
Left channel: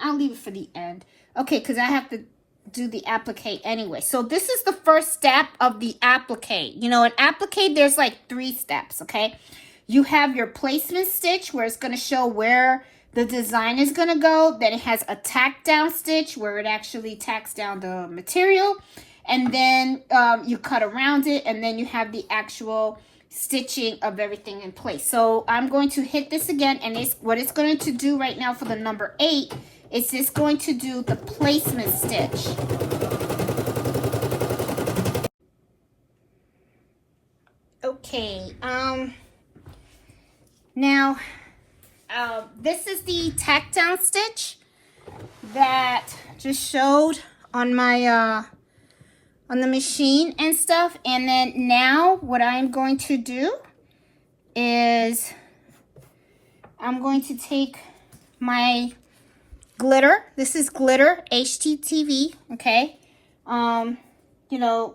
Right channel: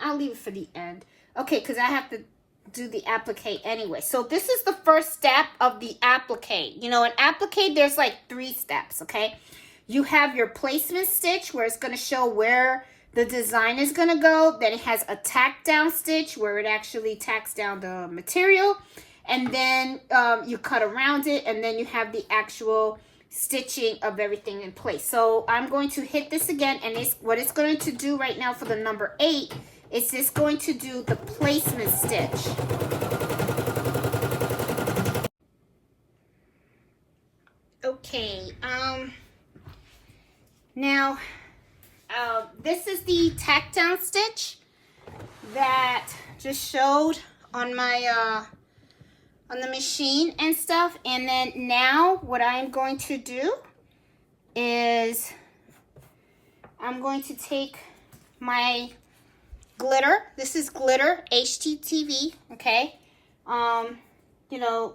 I'll leave it for the end. Okay, because I have to do the applique anyway. So this is the first step of the applique. You know, in applique, there's like 3 steps, okay? You have your placement stitch, where it's going to show where the design is going to go. Then it has a tack down stitch where it actually tacks down the material. And then you cut around it, and then you have the actual stitching of everything in place. So I'm going to hit this again, and what it's going to do right now for the number 8 is it's going to do the placement stitch. Okay, now this is the tack down stitch that just showed on my on the machine and stuff. And then now what I'm going to do is I'm going to take my glitter. This is glitter HTTV, okay? You know,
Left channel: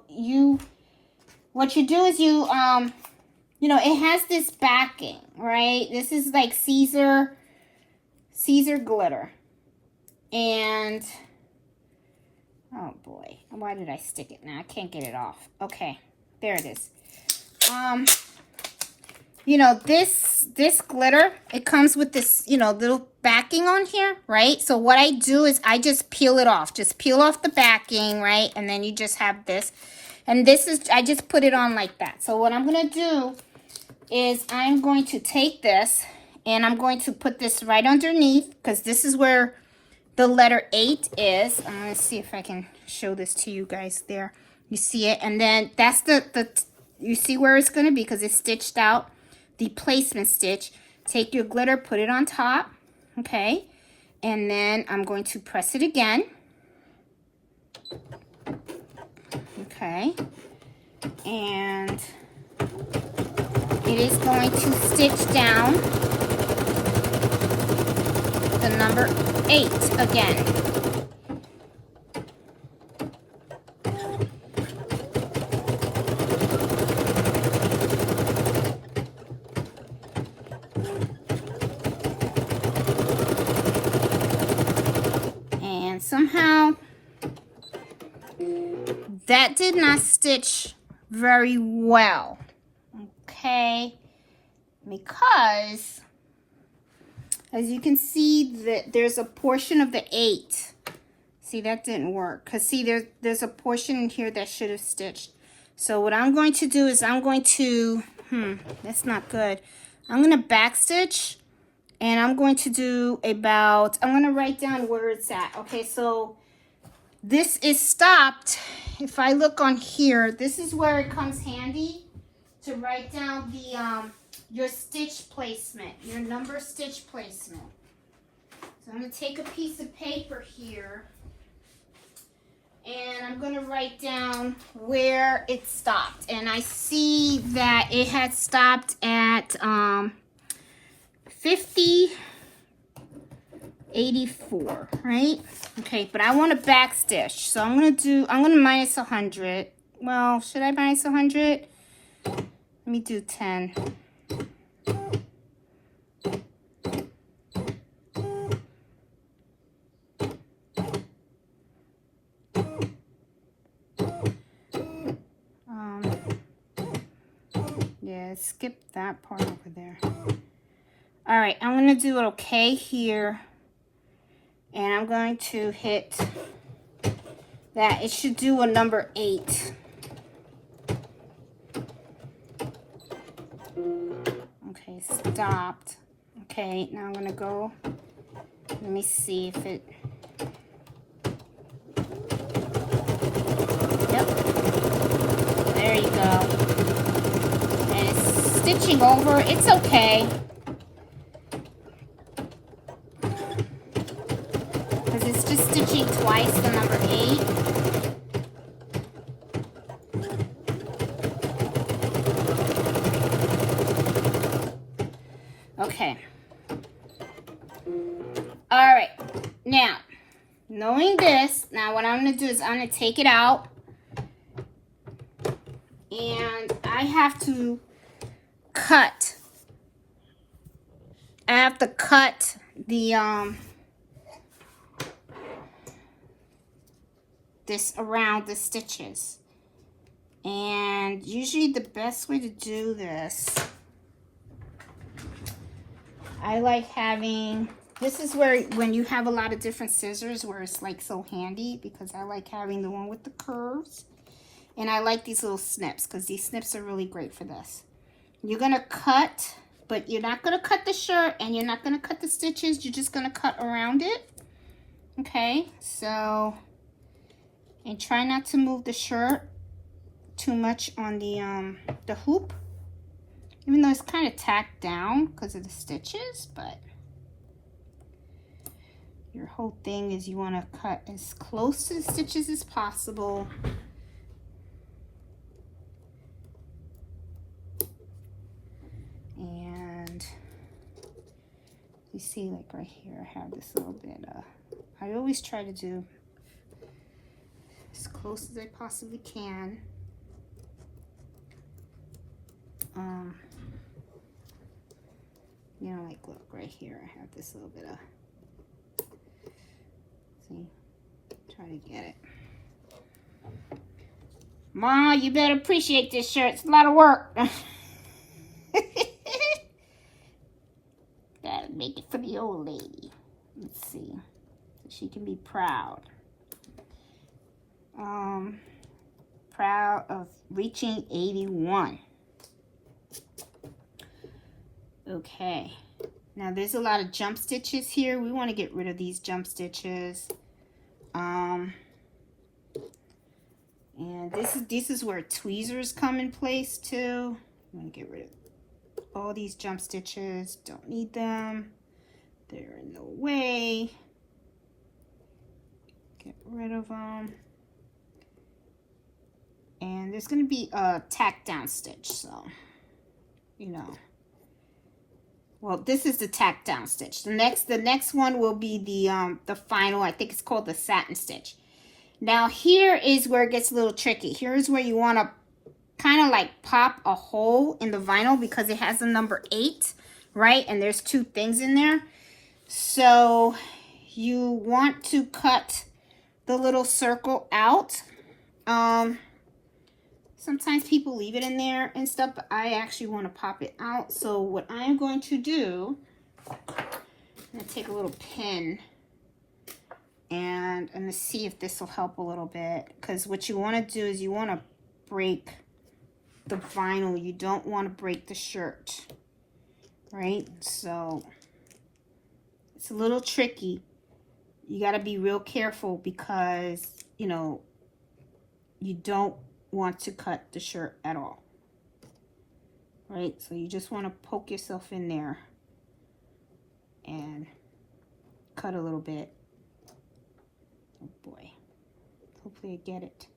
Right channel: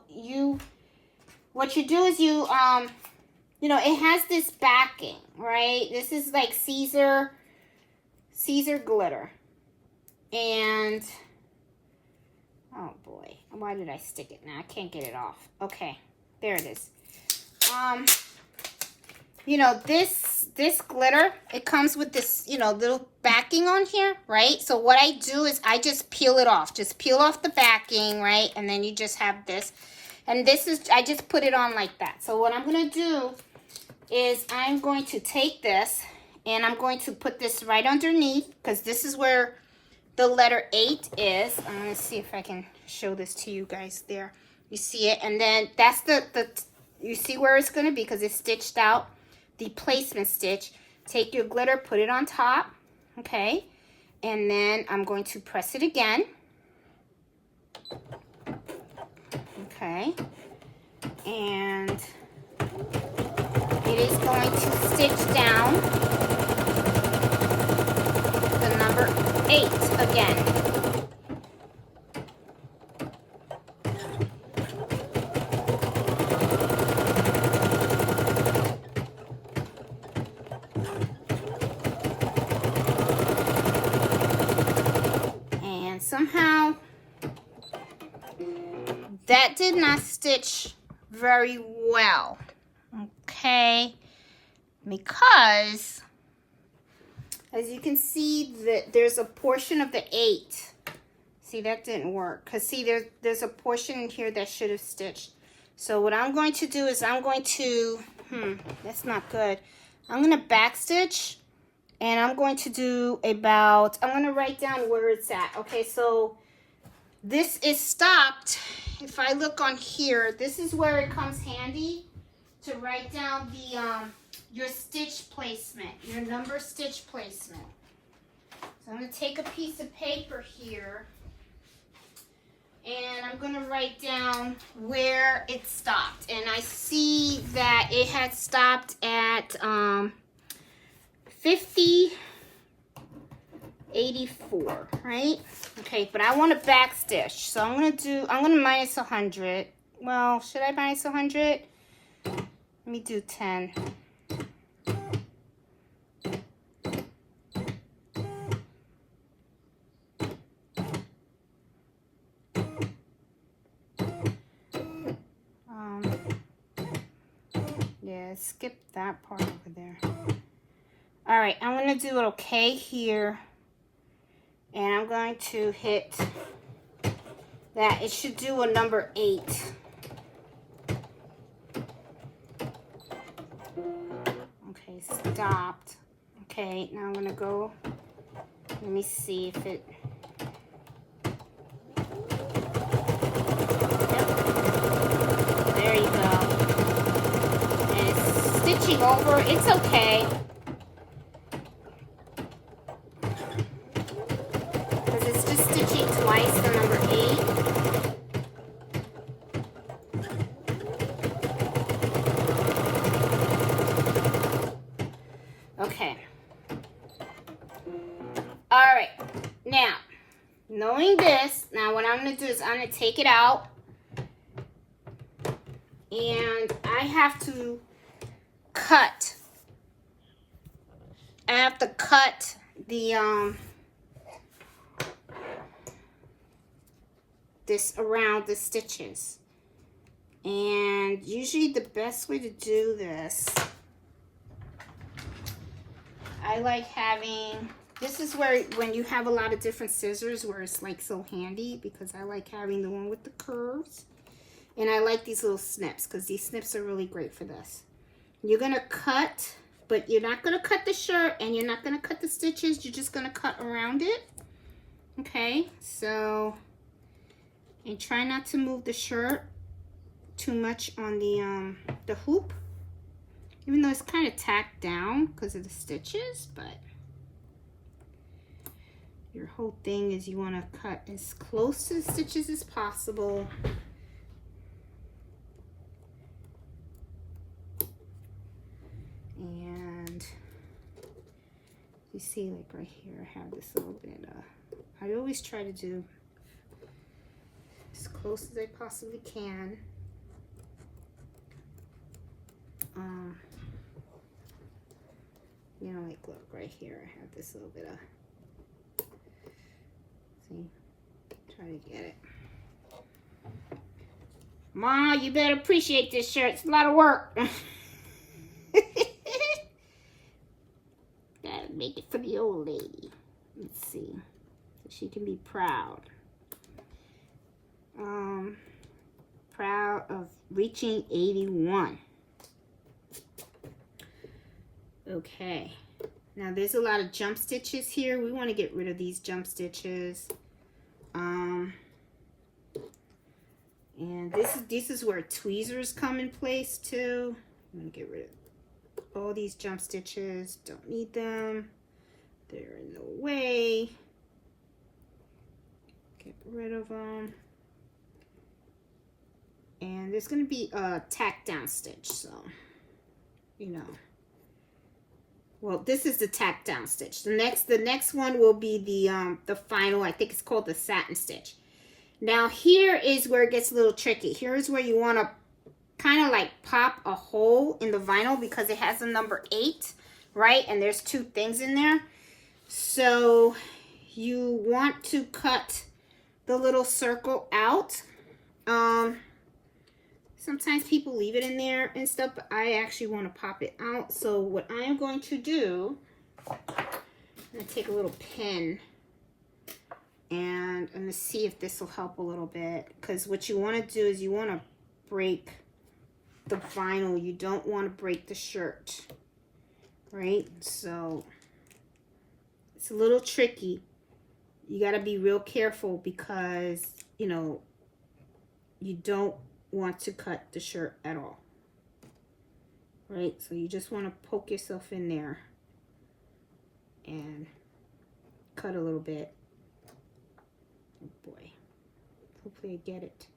what you do is you know, it has this backing, right? This is like Caesar glitter. And, oh boy, why did I stick it now? I can't get it off. Okay, there it is. you know, this glitter, it comes with this, you know, little backing on here, right? So what I do is I just peel it off. Just peel off the backing, right? And then you just have this. And this is, I just put it on like that. So what I'm going to do is I'm going to take this and I'm going to put this right underneath, because this is where the letter 8 is. I'm going to see if I can show this to you guys there. You see it? And then that's you see where it's going to be, because it's stitched out, the placement stitch. Take your glitter, put it on top, okay? And then I'm going to press it again. Okay. And it is going to stitch down the number 8 again. And somehow that did not stitch very well, okay, because as you can see that there's a portion of the 8. See, that didn't work, because see, there's a portion in here that should have stitched. So what I'm going to do is I'm going to, that's not good. I'm going to back stitch, and I'm going to do about, I'm going to write down where it's at. Okay, so this is stopped. If I look on here, this is where it comes handy to write down the your stitch placement, your number stitch placement. So I'm going to take a piece of paper here, and I'm going to write down where it stopped. And I see that it had stopped at 50.84, right? Okay, but I want to back stitch, so I'm gonna minus 100. Well, should I minus 100? Let me do 10. Yeah, skip that part over there. All right, I'm gonna do it okay here. And I'm going to hit that. It should do a number 8. Okay, stopped. Okay, now I'm going to go. Let me see if it... Yep. There you go. And it's stitching over. It's okay. Stitching twice the number 8. Okay. All right. Now, knowing this, now what I'm going to do is I'm going to take it out, and I have to cut. I have to cut the this around the stitches. And usually the best way to do this, I like having, this is where when you have a lot of different scissors where it's like so handy, because I like having the one with the curves, and I like these little snips because these snips are really great for this. You're gonna cut, but you're not gonna cut the shirt and you're not gonna cut the stitches, you're just gonna cut around it. Okay, so, and try not to move the shirt too much on the hoop, even though it's kind of tacked down because of the stitches. But your whole thing is you want to cut as close to the stitches as possible. And you see, like right here, I have this little bit I always try to do as close as I possibly can. You know, like look right here, I have this little bit of, see, try to get it. Ma, you better appreciate this shirt, it's a lot of work. make it for the old lady. Let's see. So she can be proud. Proud of reaching 81. Okay. Now there's a lot of jump stitches here. We want to get rid of these jump stitches. And this is where tweezers come in place too. I'm going to get rid of all these jump stitches. Don't need them. They're in the way. Get rid of them. And there's going to be a tack down stitch, so, you know. Well, this is the tack down stitch. The next one will be the final, I think it's called the satin stitch. Now here is where it gets a little tricky. Here is where you want to kind of like pop a hole in the vinyl because it has a number 8, right? And there's 2 things in there. So you want to cut the little circle out. Sometimes people leave it in there and stuff, but I actually want to pop it out. So what I'm going to do, I'm going to take a little pin and I'm going to see if this will help a little bit. Because what you want to do is you want to break the vinyl. You don't want to break the shirt, right? So it's a little tricky. You got to be real careful because, you know, you don't want to cut the shirt at all, right? So you just want to poke yourself in there and cut a little bit. Oh boy, hopefully I get it.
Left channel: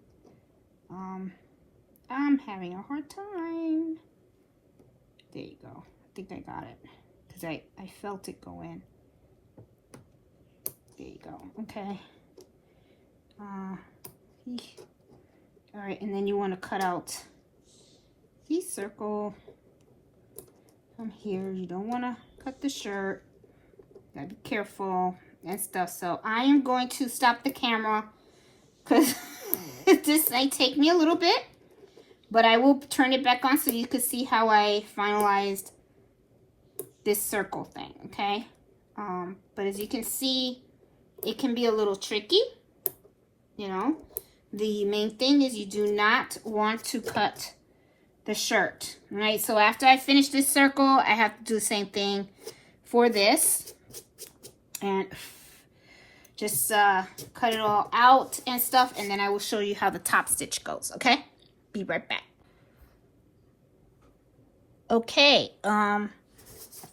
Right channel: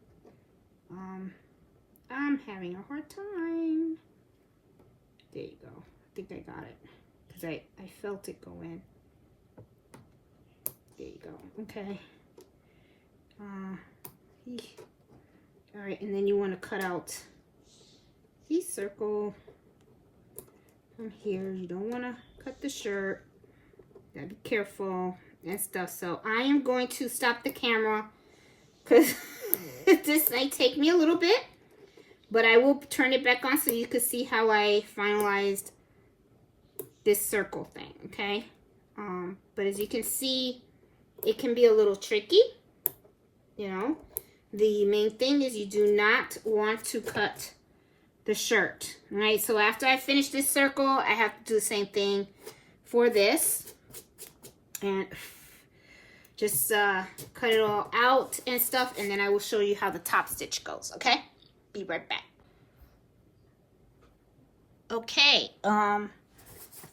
I'm having a hard time. There you go. I think I got it because I felt it go in. There you go. Okay. All right, and then you want to cut out the circle from here. You don't want to cut the shirt. Gotta be careful and stuff. So I am going to stop the camera because this might take me a little bit, but I will turn it back on so you can see how I finalized this circle thing, okay? But as you can see, it can be a little tricky, you know. The main thing is you do not want to cut the shirt, right? So after I finish this circle, I have to do the same thing for this. And just cut it all out and stuff. And then I will show you how the top stitch goes, okay? Be right back. Okay,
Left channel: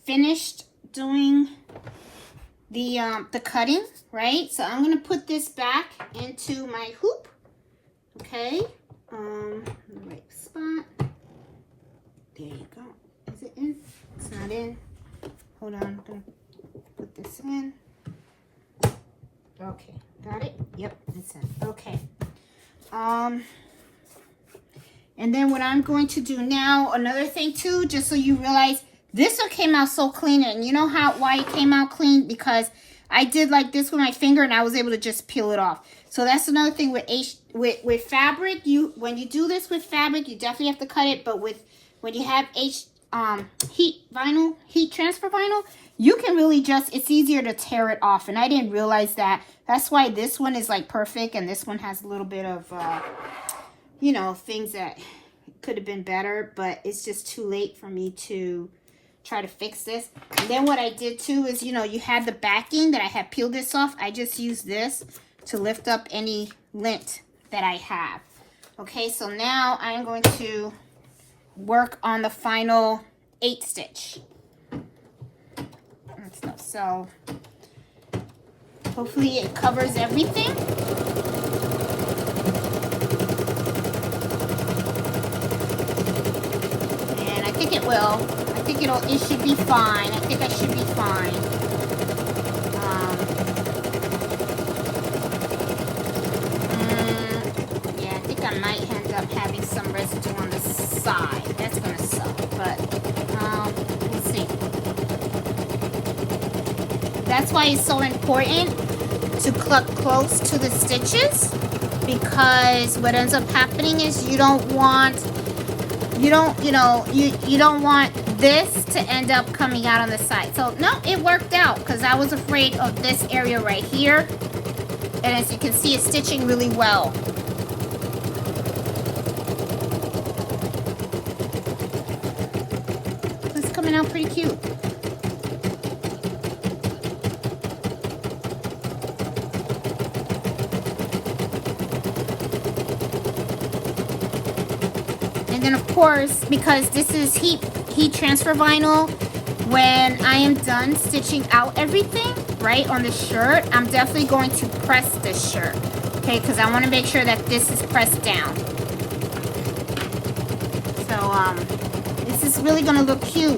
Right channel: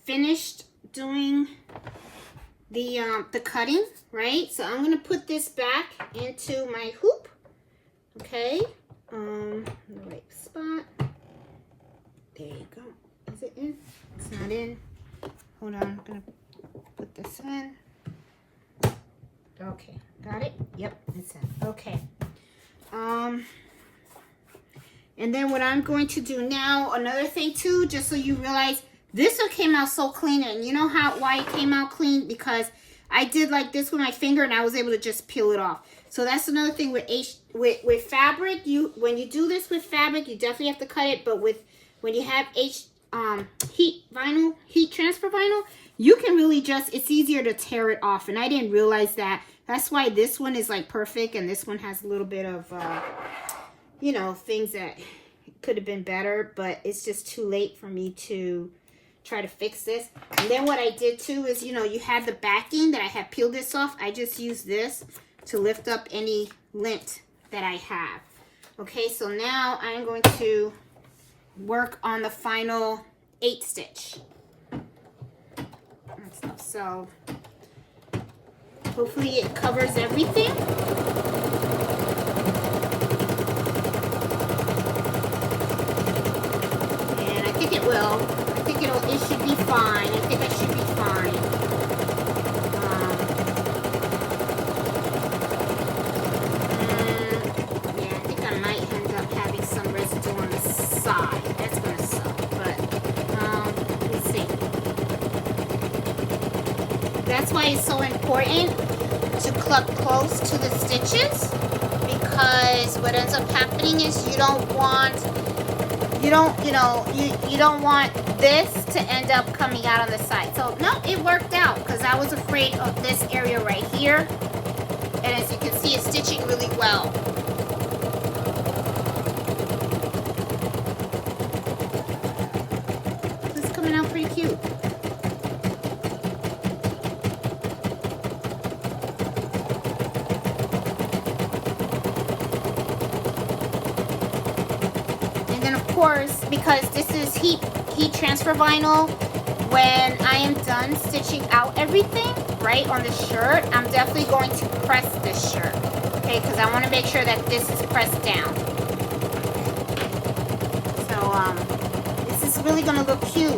finished doing the cutting, right? So I'm going to put this back into my hoop. Okay, the right spot. There you go. Is it in? It's not in. Hold on, I'm gonna put this in. Okay, got it? Yep, it's in. Okay. And then what I'm going to do now, another thing too, just so you realize, this one came out so clean, and you know why it came out clean? Because I did like this with my finger, and I was able to just peel it off. So that's another thing with fabric. When you do this with fabric, you definitely have to cut it. But when you have heat transfer vinyl, you can really it's easier to tear it off. And I didn't realize that. That's why this one is like perfect, and this one has a little bit of you know, things that could have been better. But it's just too late for me to try to fix this. And then what I did too is, you know, you have the backing that I had peeled this off. I just used this to lift up any lint that I have. Okay, so now I'm going to work on the final 8 stitch and stuff. So hopefully it covers everything. And I think it will. I think it should be fine. I think I should be fine. Yeah, I think I might end up having some residue on the side. That's gonna suck, but let's see. That's why it's so important to cluck close to the stitches, because what ends up happening is you don't want this to end up coming out on the side. So no, it worked was afraid of this area right here. And as you can see, it's stitching really well. This is coming out pretty cute. And then of course, because this is heat transfer vinyl, when I am done stitching out everything, right, on the shirt, I'm definitely going to press this shirt, okay, because I want to make sure that this is pressed down. So, this is really going to look cute.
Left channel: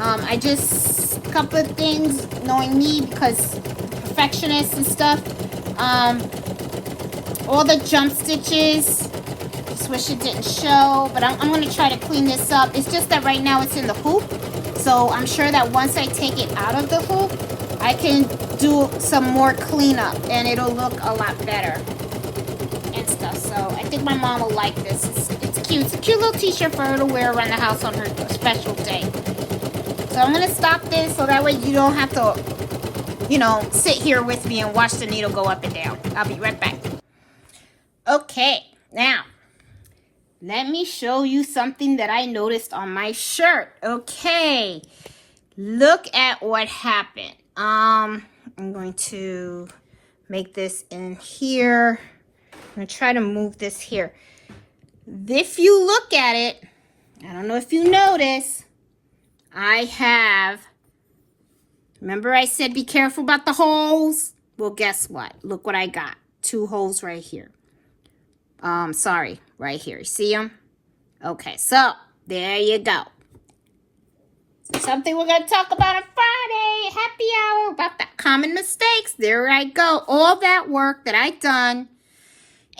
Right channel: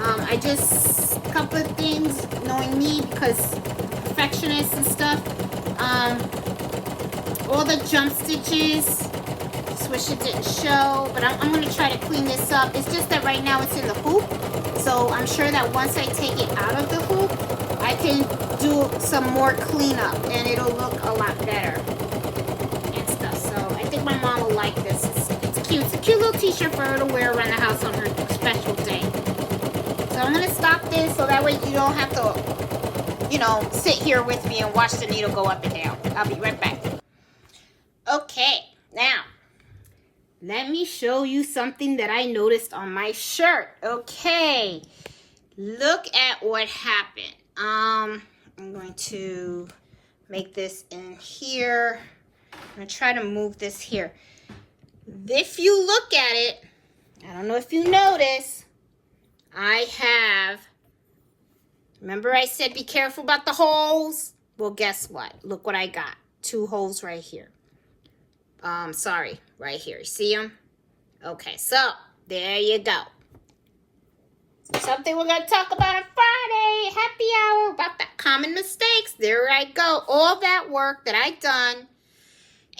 I just, a couple of things, knowing me, because perfectionist and stuff, all the jump stitches, just wish it didn't show, but I'm going to try to clean this up. It's just that right now it's in the hoop. So I'm sure that once I take it out of the hoop, I can do some more cleanup and it'll look a lot better and stuff. So I think my mom will like this. It's cute. It's a cute little t-shirt for her to wear around the house on her special day. So I'm going to stop this so that way you don't have to, you know, sit here with me and watch the needle go up and down. I'll be right back. Okay, now let me show you something that I noticed on my shirt. Okay, look at what happened. I'm going to make this in here. I'm going to try to move this here. If you look at it, I don't know if you notice, I have, remember I said be careful about the holes? Well, guess what? Look what I got. 2 holes right here. Sorry, right here. You see them? Okay, so there you go. So something we're going to talk about on Friday, happy hour, about the common mistakes. There I go. All that work that I done,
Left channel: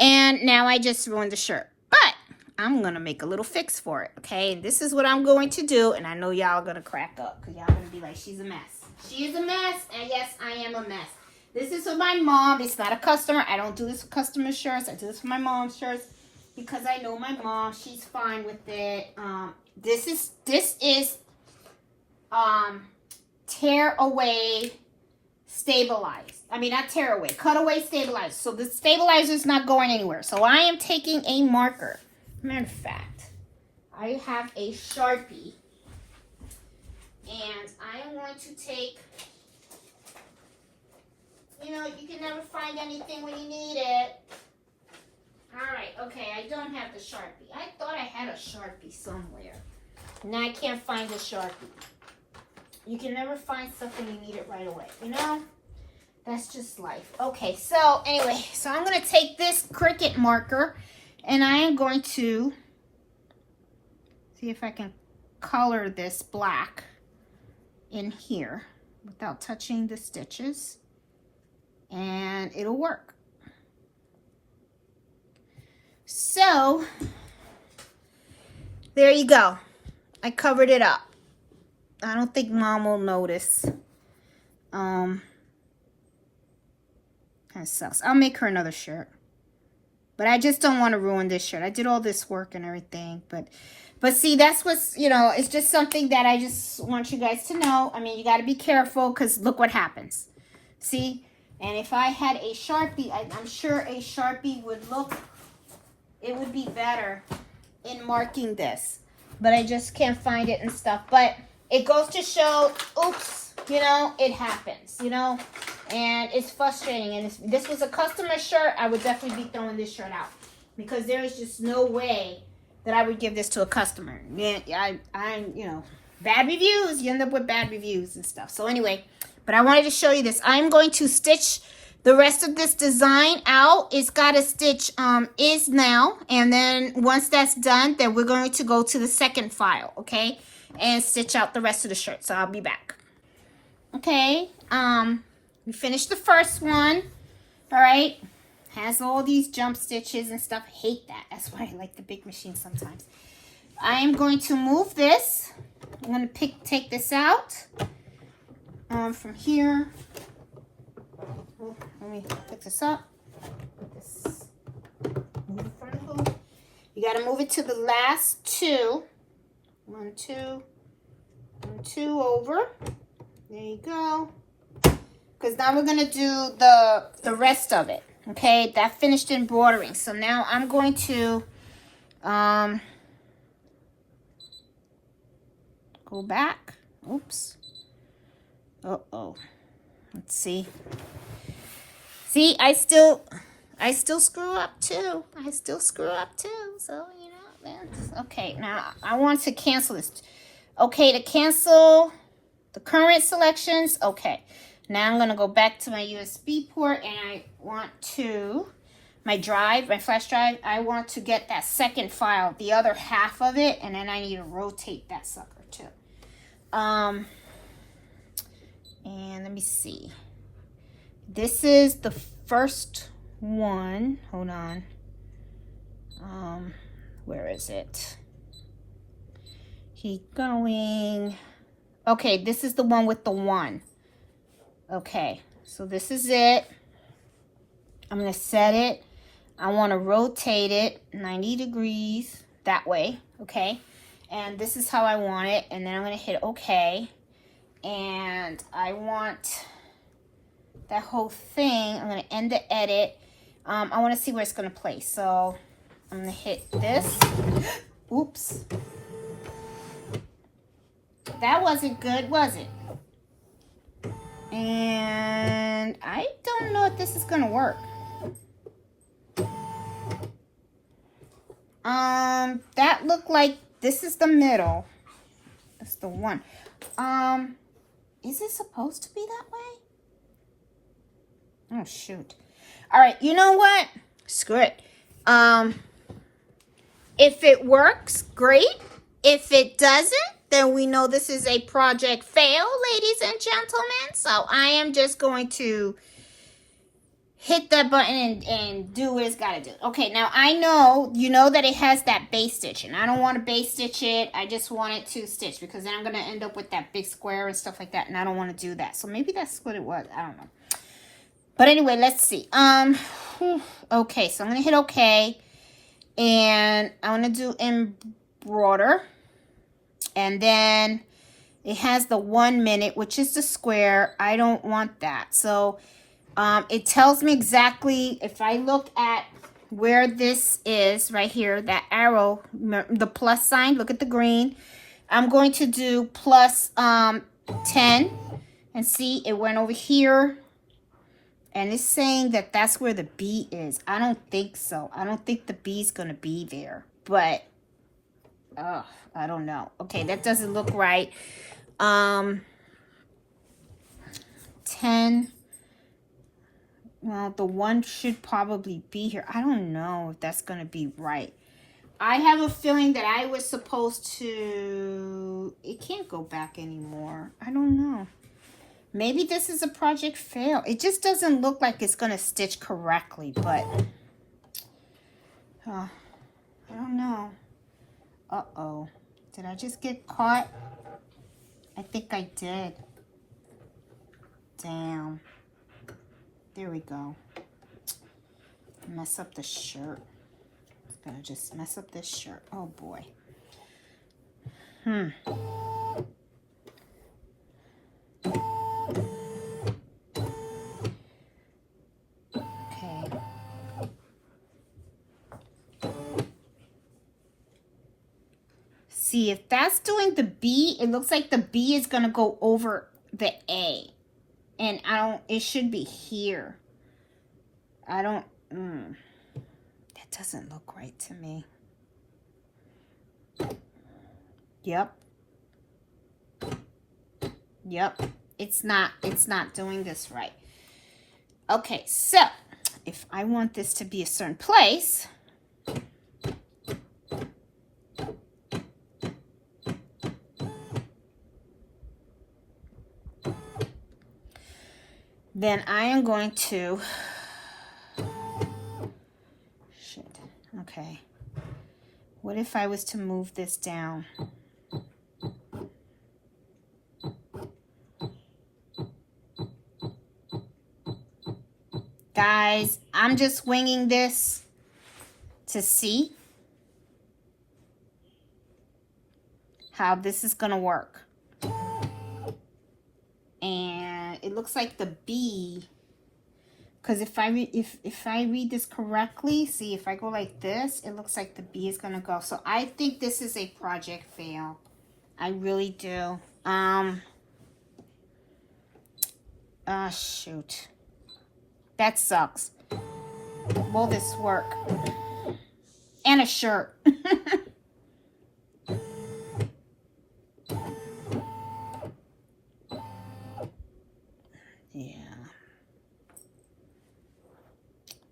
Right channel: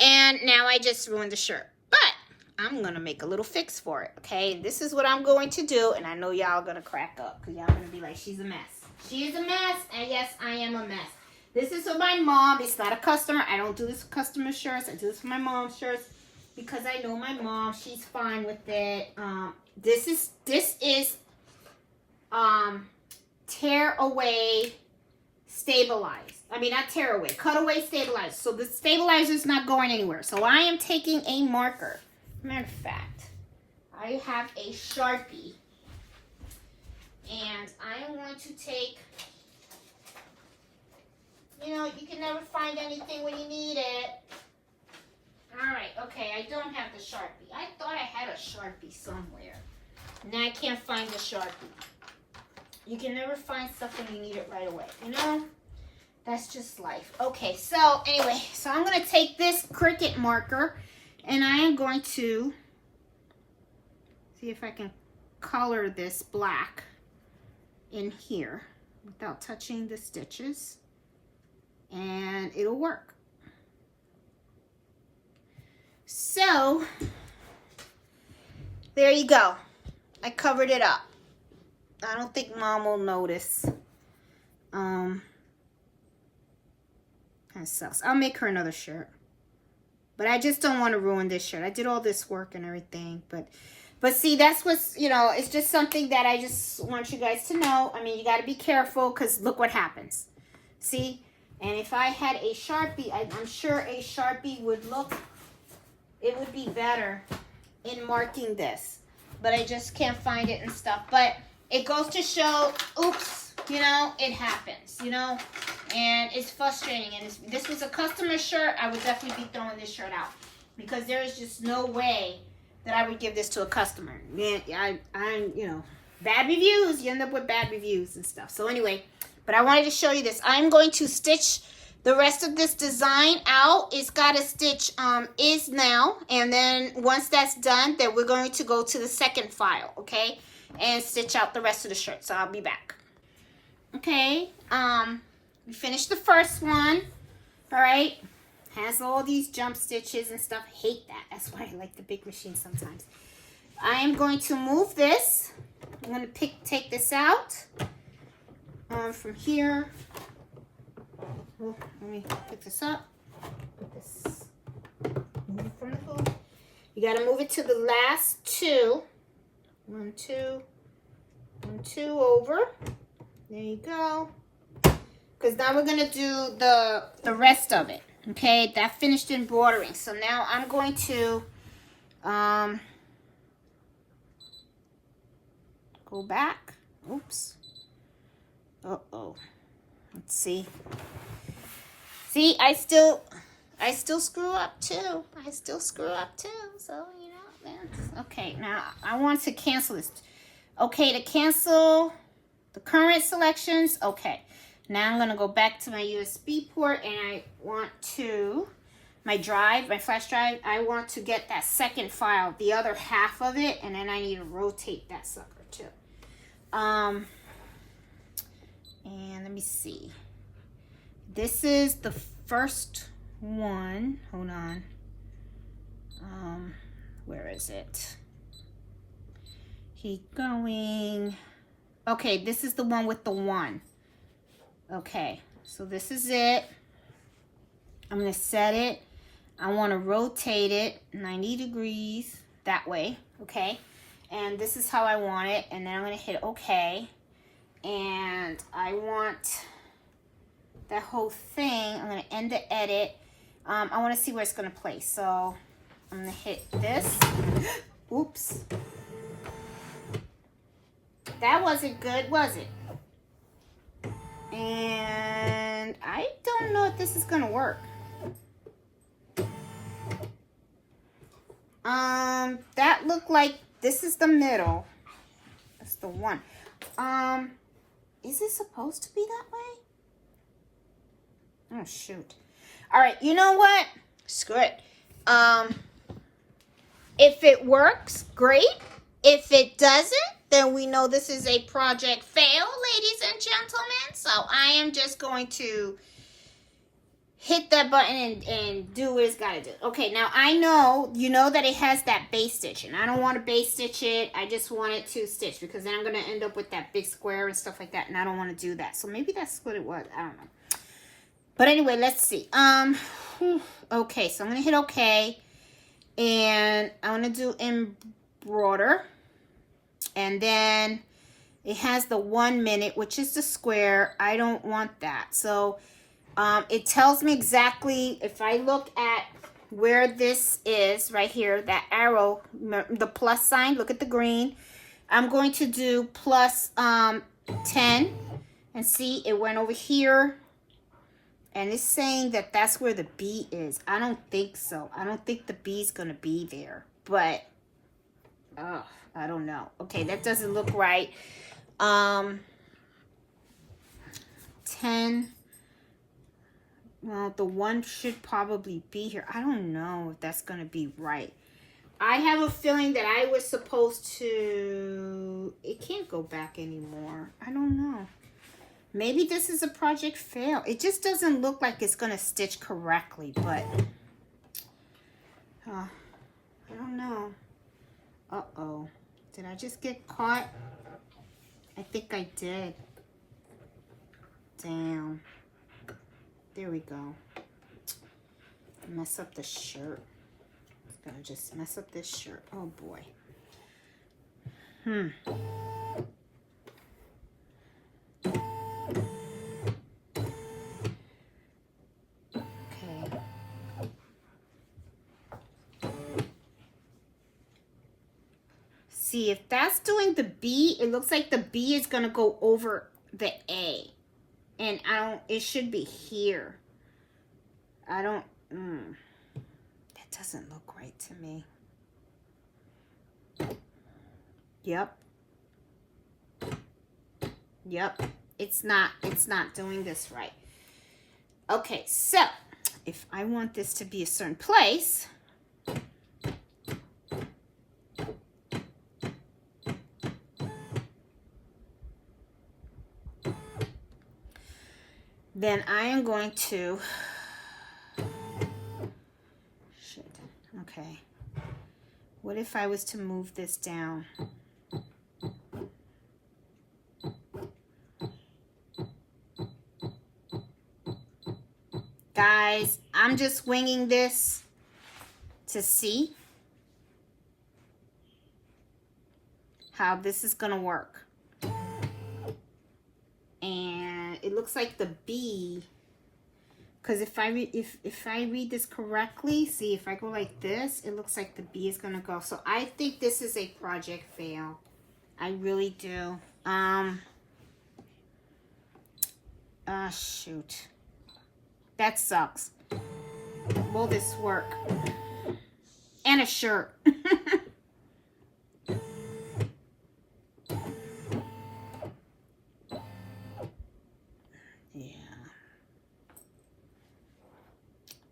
and now I just ruined the shirt. But I'm going to make a little fix for it, okay? And this is what I'm going to do, and I know y'all going to crack up, because y'all going to be like, she's a mess. She is a mess, and yes, I am a mess. This is for my mom. It's not a customer. I don't do this for customer shirts. I do this for my mom's shirts because I know my mom. She's fine with it. This is tear away stabilized. I mean, not tear away. Cut away stabilized. So the stabilizer is not going anywhere. So I am taking a marker. Matter of fact, I have a Sharpie. And I am going to take... You know, you can never find anything when you need it. Alright, okay, I don't have the Sharpie. I thought I had a Sharpie somewhere. Now I can't find the Sharpie. You can never find stuff when you need it right away, you know? That's just life. Okay, so anyway, so I'm going to take this Cricut marker and I am going to see if I can color this black in here without touching the stitches. And it'll work. So, there you go. I covered it up. I don't think Mom will notice. Kind of sucks. I'll make her another shirt. But I just don't want to ruin this shirt. I did all this work and everything. But see, that's what's, you know, it's just something that I just want you guys to know. I mean, you got to be careful because look what happens. See? And if I had a Sharpie, I'm sure a Sharpie would look, it would be better in marking this. But I just can't find it and stuff. But it goes to show, oops, you know, it happens, you know. And it's frustrating. And if this was a customer shirt, I would definitely be throwing this shirt out. Because there is just no way that I would give this to a customer. I'm, you know, bad reviews. You end up with bad reviews and stuff. So anyway... But I wanted to show you this. I'm going to stitch the rest of this design out. It's got a stitch is now. And then once that's done, then we're going to go to the second file, okay? And stitch out the rest of the shirt. So I'll be back. Okay. We finished the first one. All right. Has all these jump stitches and stuff. I hate that. That's why I like the big machine sometimes. I'm going to move this. I'm going to take this out. From here, let me pick this up. Move it from the hoop. You got to move it to the last 2. 1, 2, 1, 2 over. There you go. because now we're gonna do the rest of it. Okay, that finished embroidering. So now I'm going to go back. Oops. Uh-oh. Let's see. See, I still screw up too. I still screw up too. So, you know, that's okay. Now I want to cancel this. Okay, to cancel the current selections. Okay. Now I'm gonna go back to my USB port and I want to my flash drive, I want to get that second file, the other half of it, and then I need to rotate that sucker too. And let me see. This is the first one. Hold on. Where is it? Keep going. Okay, this is the one with the 1. Okay, so this is it. I'm going to set it. I want to rotate it 90 degrees that way, okay? And this is how I want it. And then I'm going to hit OK. And I want that whole thing. I'm going to end the edit. I want to see where it's going to place. So I'm going to hit this. Oops. That wasn't good, was it? And I don't know if this is going to work. That looked like this is the middle. That's the one. Is it supposed to be that way? Oh, shoot. All right, you know what? Screw it. If it works, great. If it doesn't, then we know this is a project fail, ladies and gentlemen. So I am just going to hit that button and do what it's got to do. Okay, now I know, you know that it has that base stitch, and I don't want to base stitch it. I just want it to stitch because then I'm going to end up with that big square and stuff like that, and I don't want to do that. So maybe that's what it was. I don't know. But anyway, let's see. Okay, so I'm going to hit OK, and I'm going to do embroider, and then it has the 1 minute, which is the square. I don't want that. So it tells me exactly, if I look at where this is right here, that arrow, the plus sign, look at the green. I'm going to do plus 10 and see it went over here. And it's saying that that's where the B is. I don't think so. I don't think the B is going to be there. But, oh, I don't know. Okay, that doesn't look right. 10. Well, the 1 should probably be here. I don't know if that's going to be right. I have a feeling that I was supposed to... It can't go back anymore. I don't know. Maybe this is a project fail. It just doesn't look like it's going to stitch correctly, but... I don't know. Uh-oh. Did I just get caught? I think I did. Damn. There we go. Mess up the shirt. Gonna just mess up this shirt. Oh boy. Okay. See, if that's doing the B, it looks like the B is gonna go over the A. And it should be here. That doesn't look right to me. Yep. It's not doing this right. Okay, so if I want this to be a certain place, then I am going to, okay, what if I was to move this down? Guys, I'm just winging this to see how this is going to work. And it it looks like the B, because if I read this correctly, see, if I go like this, it looks like the B is gonna go. So I think this is a project fail. I really do. Shoot. That sucks. Will this work? And a shirt. Yeah.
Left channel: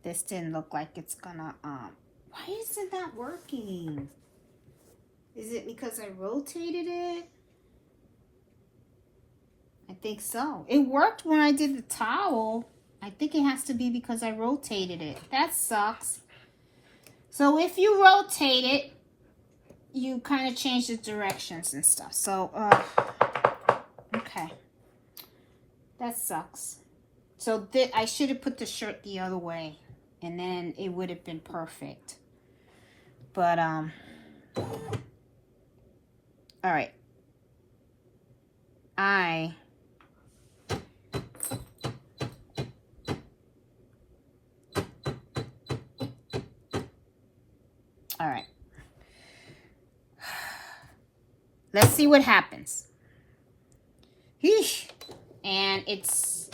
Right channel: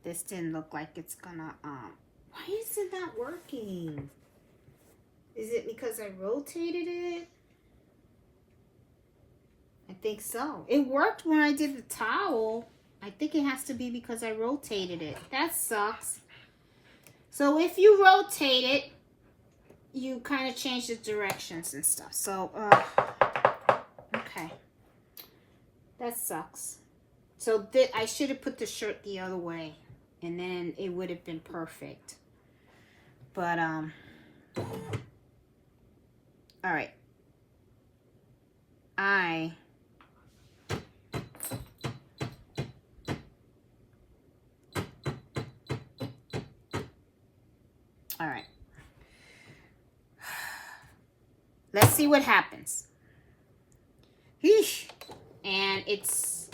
This didn't look like it's gonna, why is it not working? Is it because I rotated it? I think so. It worked when I did the towel. I think it has to be because I rotated it. That sucks. So if you rotate it, you kind of change the directions and stuff. So, okay. That sucks. So I should have put the shirt the other way, and then it would have been perfect. But, all right. All right. Let's see what happens. Yeesh. And it's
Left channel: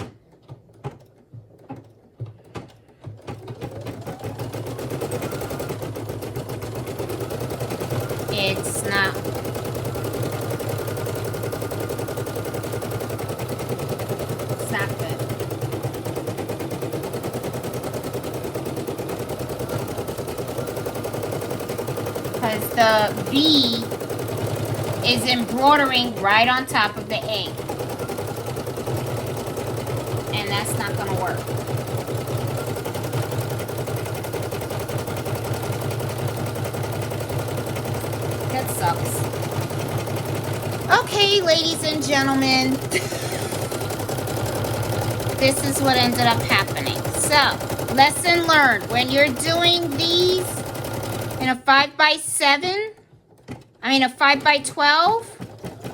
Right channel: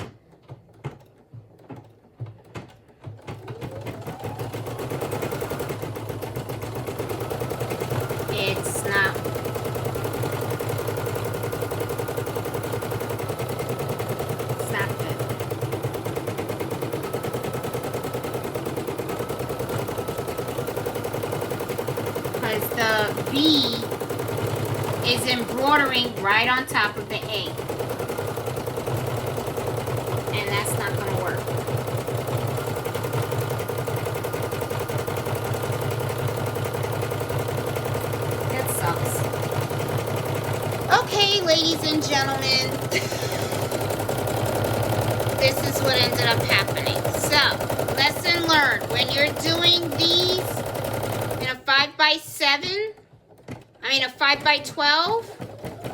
not. Stop it. Because the B is embroidering right on top of the A. And that's not going to work. That sucks. Okay, ladies and gentlemen. This is what ended up happening. So, lesson learned. When you're doing these in a 5x7, a 5x12,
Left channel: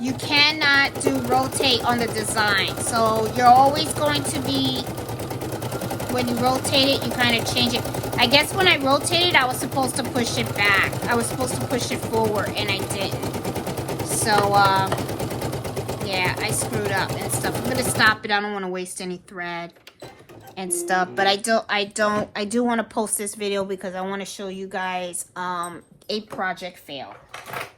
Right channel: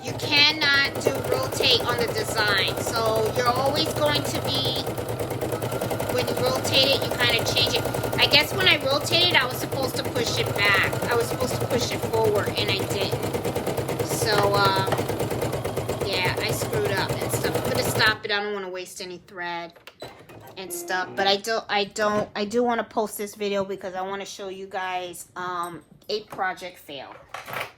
you cannot do rotate on the design. So you're always going to be, when you rotate it, you kind of change it. I guess when I rotated, I was supposed to push it back. I was supposed to push it forward, and I didn't. So, yeah, I screwed up and stuff. I'm gonna stop it. I don't want to waste any thread and stuff. But I do want to post this video because I want to show you guys a project fail.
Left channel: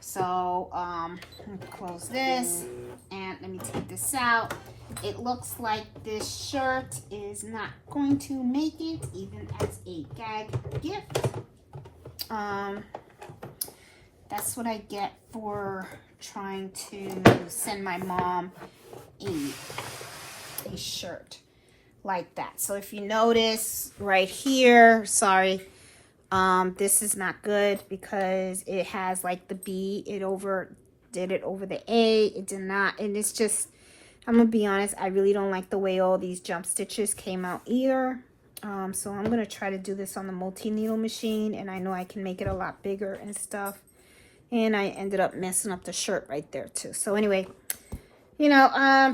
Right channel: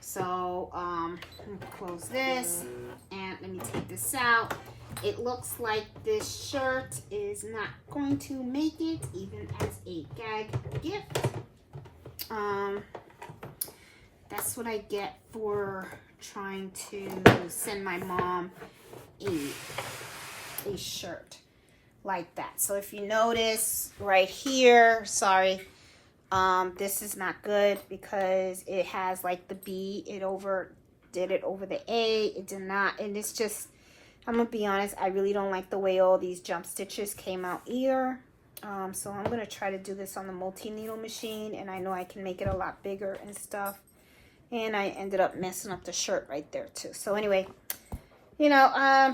So let me close this and let me take this out. It looks like this shirt is not going to make it even as a gag gift. That's what I get for trying to send my mom a shirt like that. So if you notice right here, sorry, this is not good because it has like the B, did it over the A, it did not, and it's just, I'm gonna be honest, I really don't like the way all these jump stitches came out either. So I'm gonna try to do this on the multi-needle machine, and I know I can make it a lot bigger and stuff. And I ended up messing up the shirt right there too. So anyway, you know,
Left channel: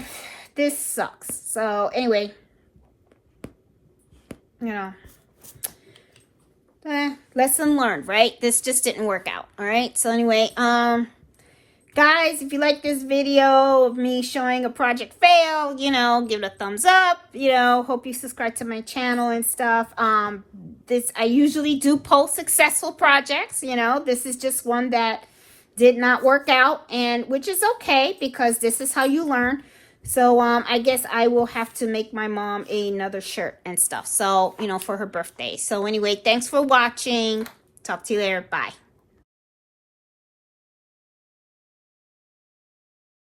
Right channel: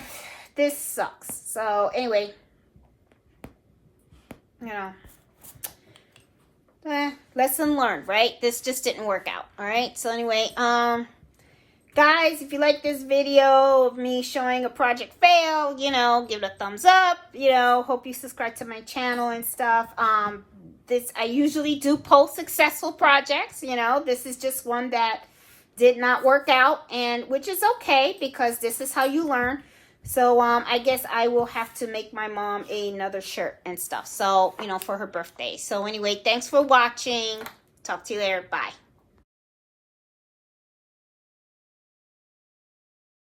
this sucks. So anyway, you know, lesson learned, right? This just didn't work out. All right. So anyway, guys, if you like this video of me showing a project fail, you know, give it a thumbs up. You know, hope you subscribe to my channel and stuff. I usually do post successful projects. You know, this is just one that did not work out, and which is okay because this is how you learn. So I guess I will have to make my mom another shirt and stuff. So, you know, for her birthday. So anyway, thanks for watching. Talk to you later. Bye.